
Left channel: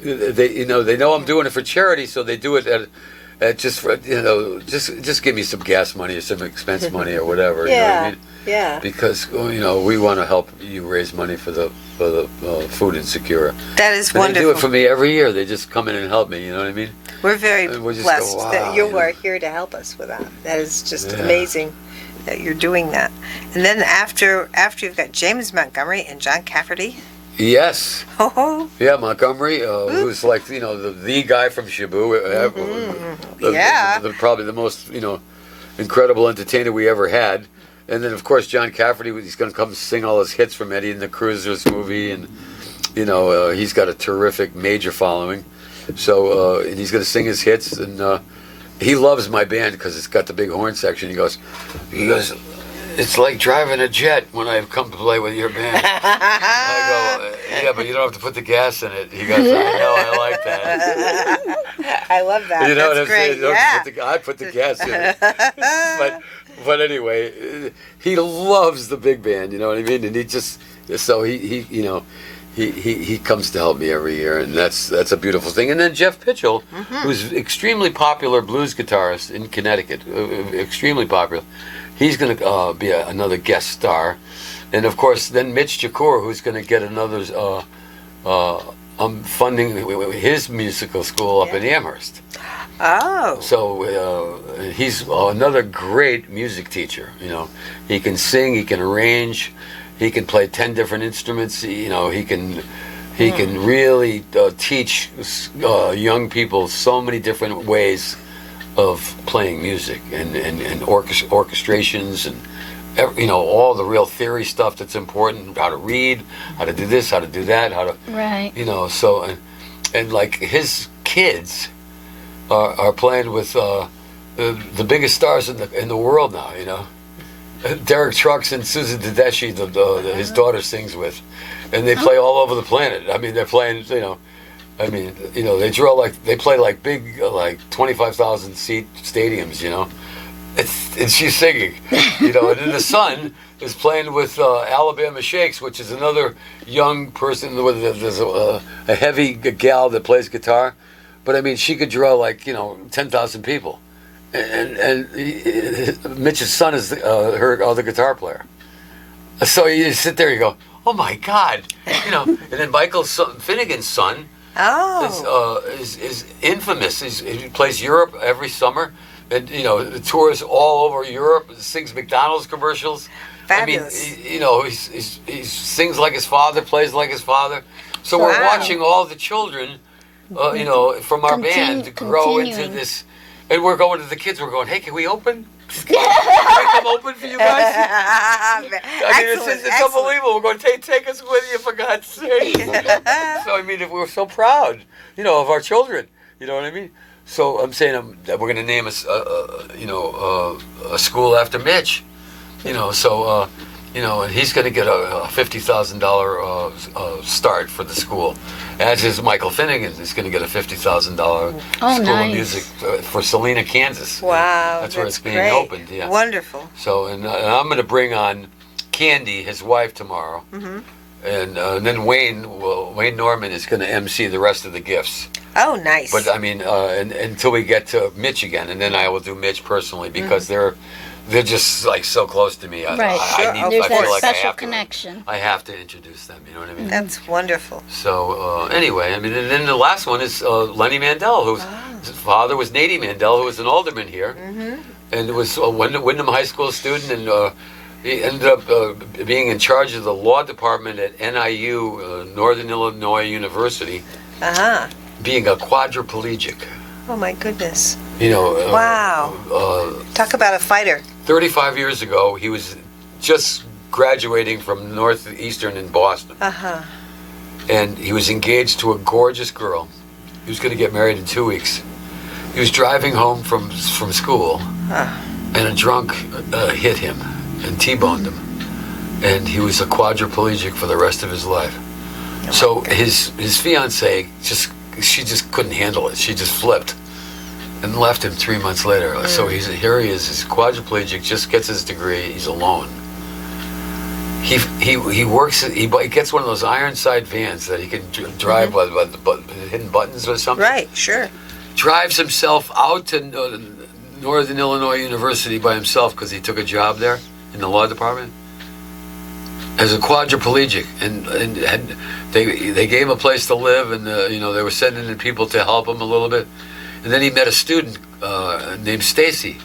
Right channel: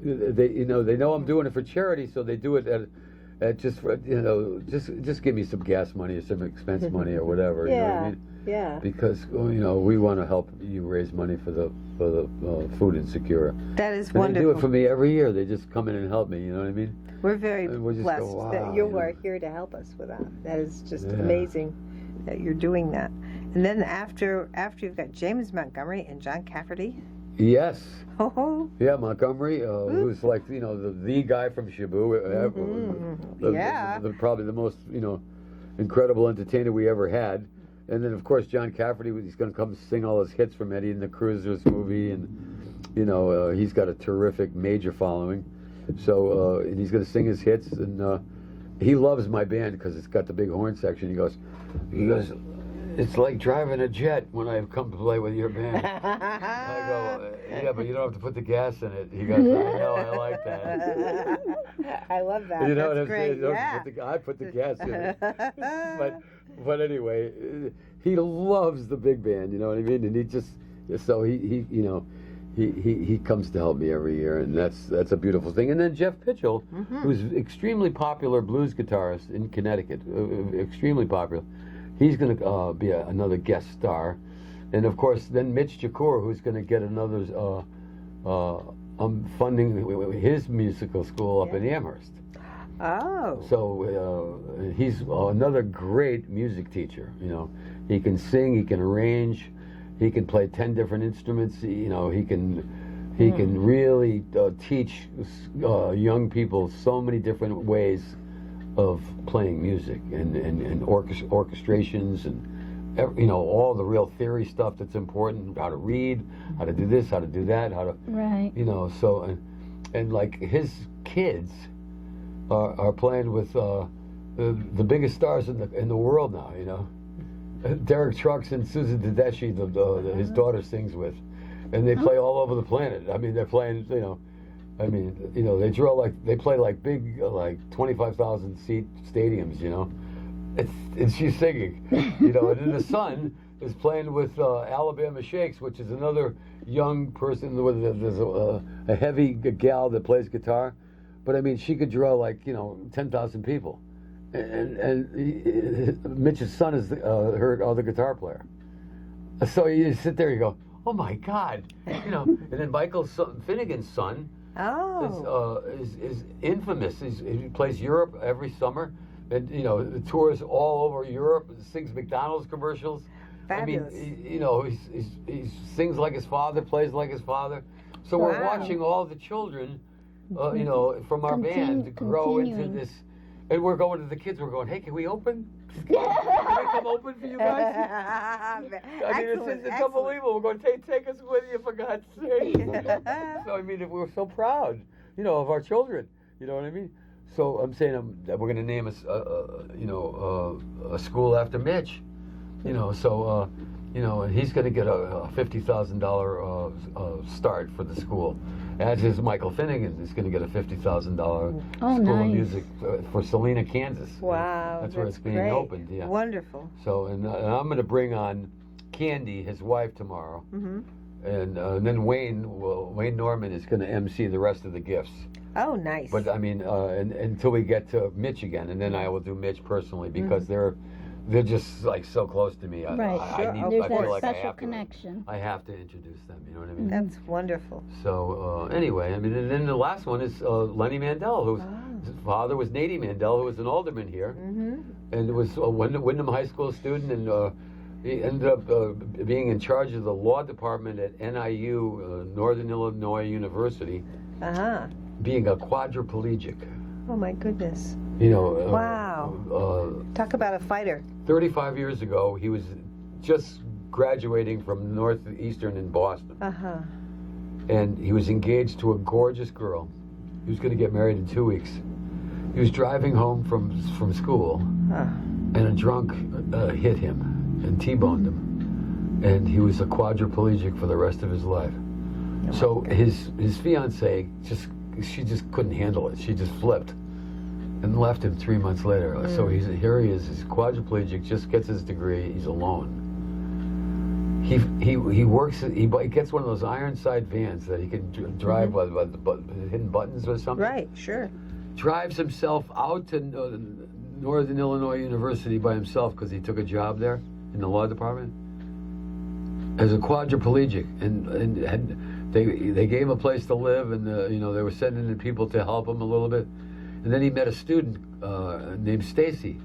they know I'm doing it for charity, so they do it at just give me some gas money or some expense money or whatever. You know what I mean? Yeah. Because we want to help you raise money for the food insecure. That is and wonderful. They do it for me every year. They just come in and help me. You know what I mean? We're very just blessed go, wow, that you are here to help us with that. That is just amazing that you're doing that. And then after you've got James Montgomery and John Cafferty. Yes. Oh. Yeah, Montgomery, who's like the guy from Shaboo. Probably the most incredible entertainer we ever had. And then of course John Cafferty, he's going to come sing all his hits from Eddie and the Cruisers movie, and he's got a terrific major following. So and he's going to sing his hits, and he loves my band because it's got the big horn section. He goes, it's like driving a jet when I come to play with your band. I go, yeah, but you don't have to put the gas in it. He goes, I know, I like that. I love that. You know That's what I'm great. saying? I put the gas in it. But anyway, he loves the big band. You know what I mean? And he comes to help me every year, and that's a beautiful thing. And then Jeff Pitchell, who's extremely popular blues guitarist in Connecticut, extremely popular. He's going to be another guest star, and of course, then Mitch Jacour, who's going to get another. I'm funding his musical school up in Amherst. Oh. So he's another great music teacher. He can sing, he can arrange, he can play 10 different instruments. He can really teach young people so many different ways of playing music and orchestrations and all the real theory stuff that's important, how to read, how to do this, how to do that, how to so and like his kids are playing with the biggest stars in the world now. Derek Trucks and Susan Tedeschi, his daughter, sings with, and they play all over the planet. I mean, they're playing. They play like big, like 25,000 seat stadiums. And she's singing. And then the son is playing with Alabama Shakes, which is another young person. There's a heavy gal that plays guitar, but I mean, she could draw like 10,000 people. And Mitch's son is her other guitar player. So you sit there, you go, oh my God, And then Michael Finnegan's son is infamous. He plays Europe every summer, and tours all over Europe. Sings McDonald's commercials. Fabulous. I mean, he sings like his father, plays like his father. So we're watching all the children, from our band to grow into this. And we're going to the kids. We're going, hey, can we open? Can we come open for you guys? It's unbelievable. We're going, take us with you, for God's sake. So, I mean, we're so proud, of our children. You know what I mean? So I'm saying that we're going to name a school after Mitch. So and he's going to get a $50,000 start for the school, as is Michael Finnegan is going to get a $50,000 Oh, school nice. of music for Salina, Kansas. Wow, that's where it's being great. opened. Yeah, Wonderful. So, and I'm going to bring on Candy, his wife, tomorrow, and then Wayne Norman is going to MC the rest of the gifts. Oh, nice. But I mean, until we get to Mitch again, and then I will do Mitch personally because they're just like so close to me. Right. I There's feel that like special I have connection. I have to introduce them. You know what I mean? That's wonderful. So anyway, I mean, and then the last one is Lenny Mandel, whose his father was Nady Mandel, who was an alderman here, and was a Wyndham High School student, and he ended up being in charge of the law department at NIU, Northern Illinois University, being a quadriplegic. Oh my goodness. Wow. Talk about a fighter. 35 years ago, he was just graduating from Northeastern in Boston. And he was engaged to a gorgeous girl. He was going to get married in 2 weeks. He was driving home from school, and a drunk hit him and T-boned him. And he was a quadriplegic for the rest of his life. So his fiancée she just couldn't handle it. She just flipped and left him 3 months later. So here he is, he's quadriplegic, just gets his degree, he's alone. He works, he gets one of those Ironside vans that he can drive by the hidden buttons or something. Right, sure. Drives himself out to Northern Illinois University by himself because he took a job there in the law department as a quadriplegic, and they gave him a place to live, and they were sending in people to help him a little bit, and then he met a student named Stacy,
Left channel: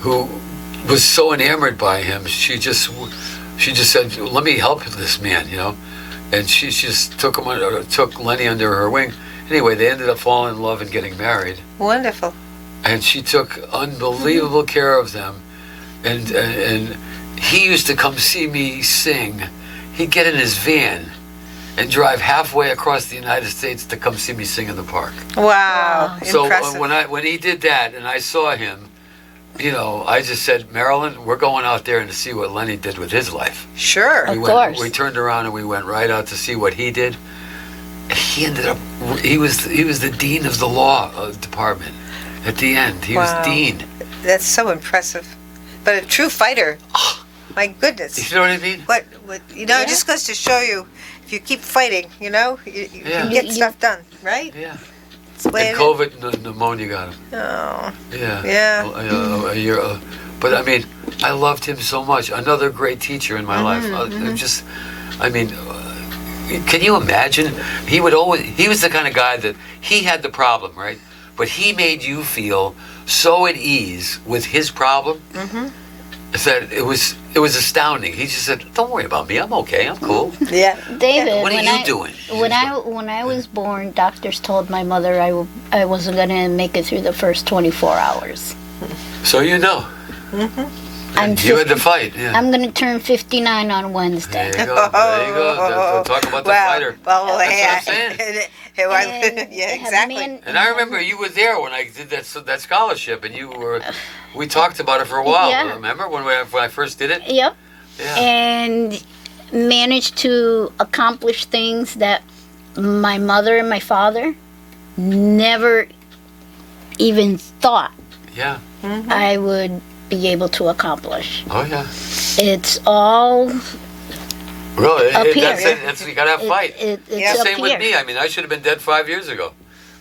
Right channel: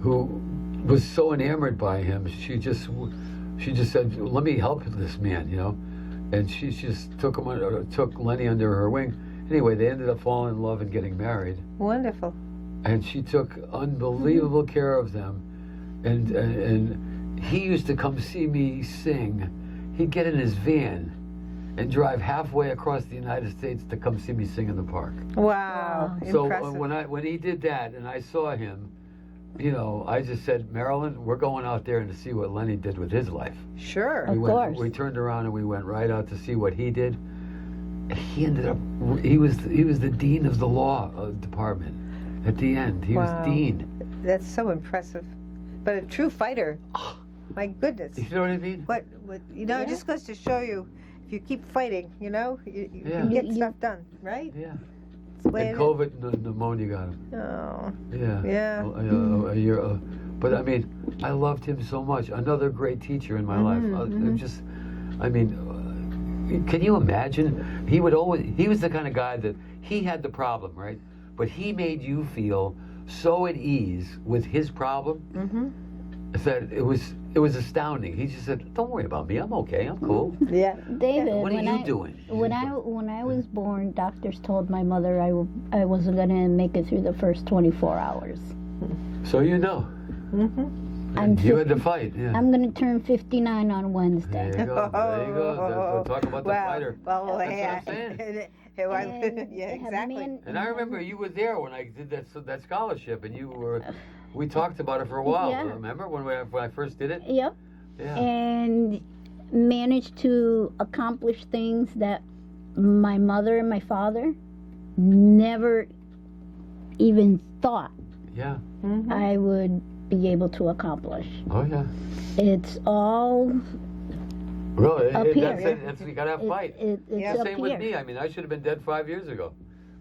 who was so enamored by him. She just said, "Let me help this man," and she just took Lenny under her wing. Anyway, they ended up falling in love and getting married. Wonderful. And she took unbelievable care of them, and he used to come see me sing. He'd get in his van and drive halfway across the United States to come see me sing in the park. Wow. So Impressive. when he did that and I saw him, I just said, Marilyn, we're going out there and to see what Lenny did with his life. Sure. Of course. We turned around and we went right out to see what he did. He ended up, he was the dean of the law department at the end. He was dean. That's so impressive. But a true fighter. My goodness. You know what I mean? What it just goes to show you, if you keep fighting, you can get stuff done, right? Yeah. It's the way And it COVID pneumonia got him. Oh. Yeah. Yeah. A year. But I mean, I loved him so much. Another great teacher in my life. Can you imagine? He was the kind of guy that he had the problem, right? But he made you feel so at ease with his problem that it was astounding. He just said, "Don't worry about me. I'm okay. I'm cool." Yeah. David, What are you doing? When I was born, doctors told my mother I wasn't going to make it through the first 24 hours. So you know. You had to fight. Yeah. I'm going to turn 59 on Wednesday. There you go. There you go. Talk about the fighter. Well, That's what I'm saying. Yeah, exactly. And I remember you were there when I did that scholarship, and we talked about it for a while. Yeah. Remember when I first did it? Yep. Yeah. And managed to accomplish things that my mother and my father never even thought Yeah. I would be able to accomplish. Oh yeah. It's all Really? Up here. That's it. You gotta have fight. it's Yeah. up Same with here. me. I mean, I should have been dead 5 years ago.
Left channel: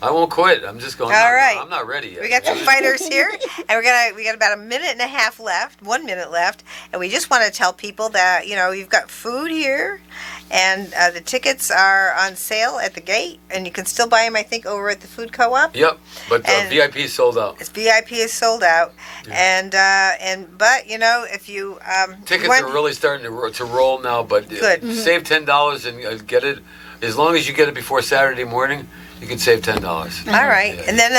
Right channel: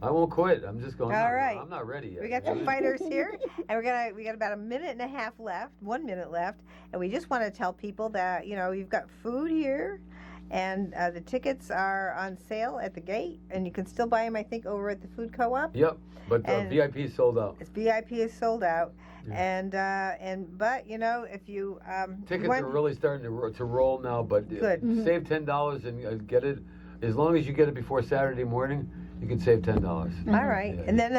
I won't quit. I'm just going. All no, right. I'm not ready yet. We got some fighters here, and we got about a minute and a half left, 1 minute left, and we just want to tell people that you've got food here, and the tickets are on sale at the gate, and you can still buy them, I think, over at the food co-op. Yep. But And- VIP is sold out. It's VIP is sold out, but if you Tickets want- are really starting to roll now. But Good. save $10 and get it. As long as you get it before Saturday morning, you can save $10. All right, Yeah. and then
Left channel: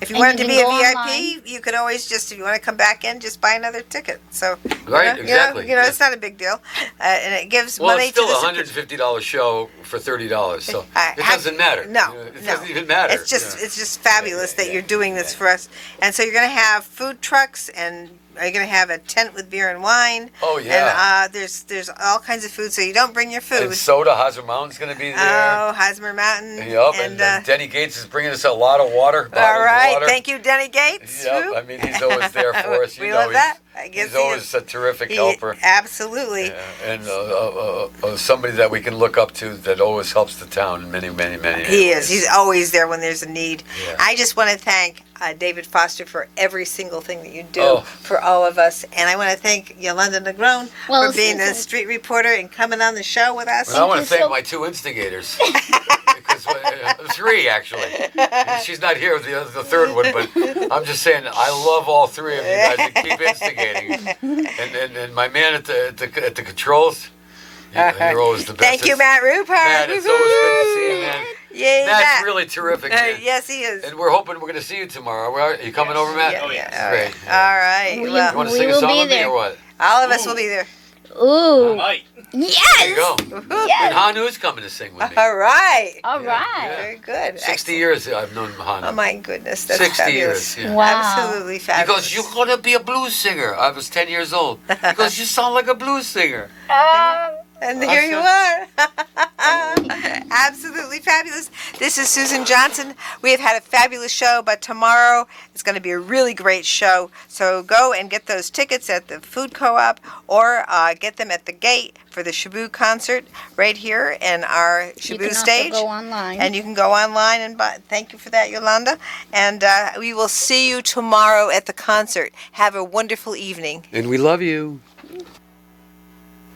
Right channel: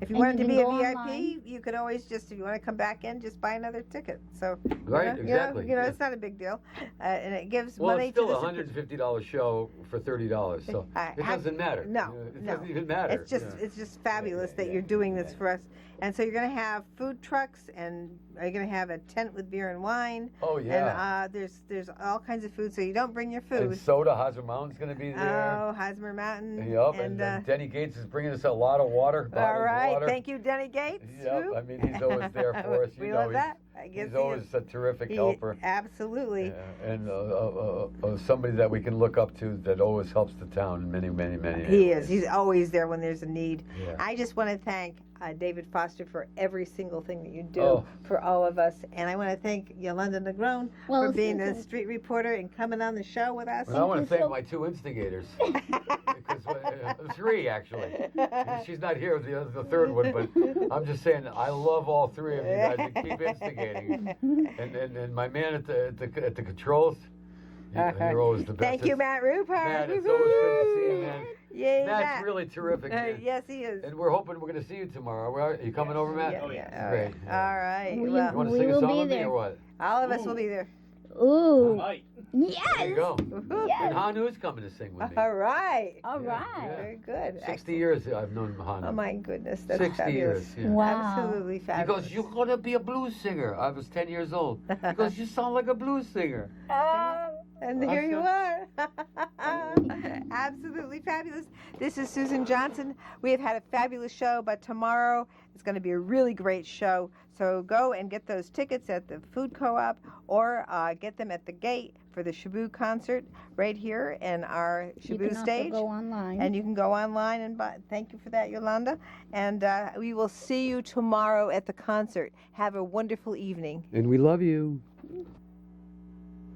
if you And wanted you to can be a go VIP, online. you could always if you want to come back in, just buy another ticket. So Right, exactly. Yeah. it's not a big deal, and it gives Well, money it's still to a the $150 show for $30, so it doesn't matter. No, It no. doesn't even matter. It's just fabulous that you're doing this for us, and so you're going to have food trucks and are going to have a tent with beer and wine. Oh, yeah. And there's all kinds of food, so you don't bring your food. And soda, Hosmer Mountain's going to be there. Oh, Hosmer Mountain. Yup, and Denny Gates is bringing us a lot of water. All right, water. thank you, Denny Gates. Yep, Whoop. I mean, he's always there for us. You We know, love that. I guess he's he always is. a terrific He- helper. Absolutely. Yeah, and somebody that we can look up to that always helps the town in many, many, many He ways. is. He's always there when there's a need. Yeah. I just want to thank David Foster for every single thing that you do Oh. for all of us. And I want to thank Yolanda Negron Well, for being a Susan- street reporter and coming on the show with us. And I want you to thank so- my two instigators. Because, three, actually. She's not here, the third one, but I'm just saying, I love all three of you guys and keep instigating. And my man at the controls, you're always the best. Thank you, Matt Rupert. Matt, it's always good to see you, man. Yay, Matt's Matt. really terrific, man. Yes, he is. And we're hoping we're going to see you tomorrow. Are you coming over, Matt? Yeah, Oh, yes. yeah. Great. All right. We- You Well, want to We sing a will song be with me there. or what? all of us will be there. Ooh. Might. Yes. There you go. Yes. And Hanu's coming to sing with me. All right. All right. Yeah. Very good. 60 years I've known Hanu. Oh my goodness, that's 60 fabulous. years. Yeah. Wow. Absolutely He fabulous. goes, you're going to be a blues singer. I was 10 years old. He goes, you sound like a blues singer. And here you are. Absolutely fabulous. This is Susan Johnson. We have had a fabulous show, but tomorrow is going to be a really great show. So go and get those tickets at the Food Co-op or get them at the gate for the Shabu concert right here in our You Shabu can also stage. go online. And you can go online and buy. Thank you for that, Yolanda. And we will see you tomorrow at the concert. Have a wonderful evening. And we love you.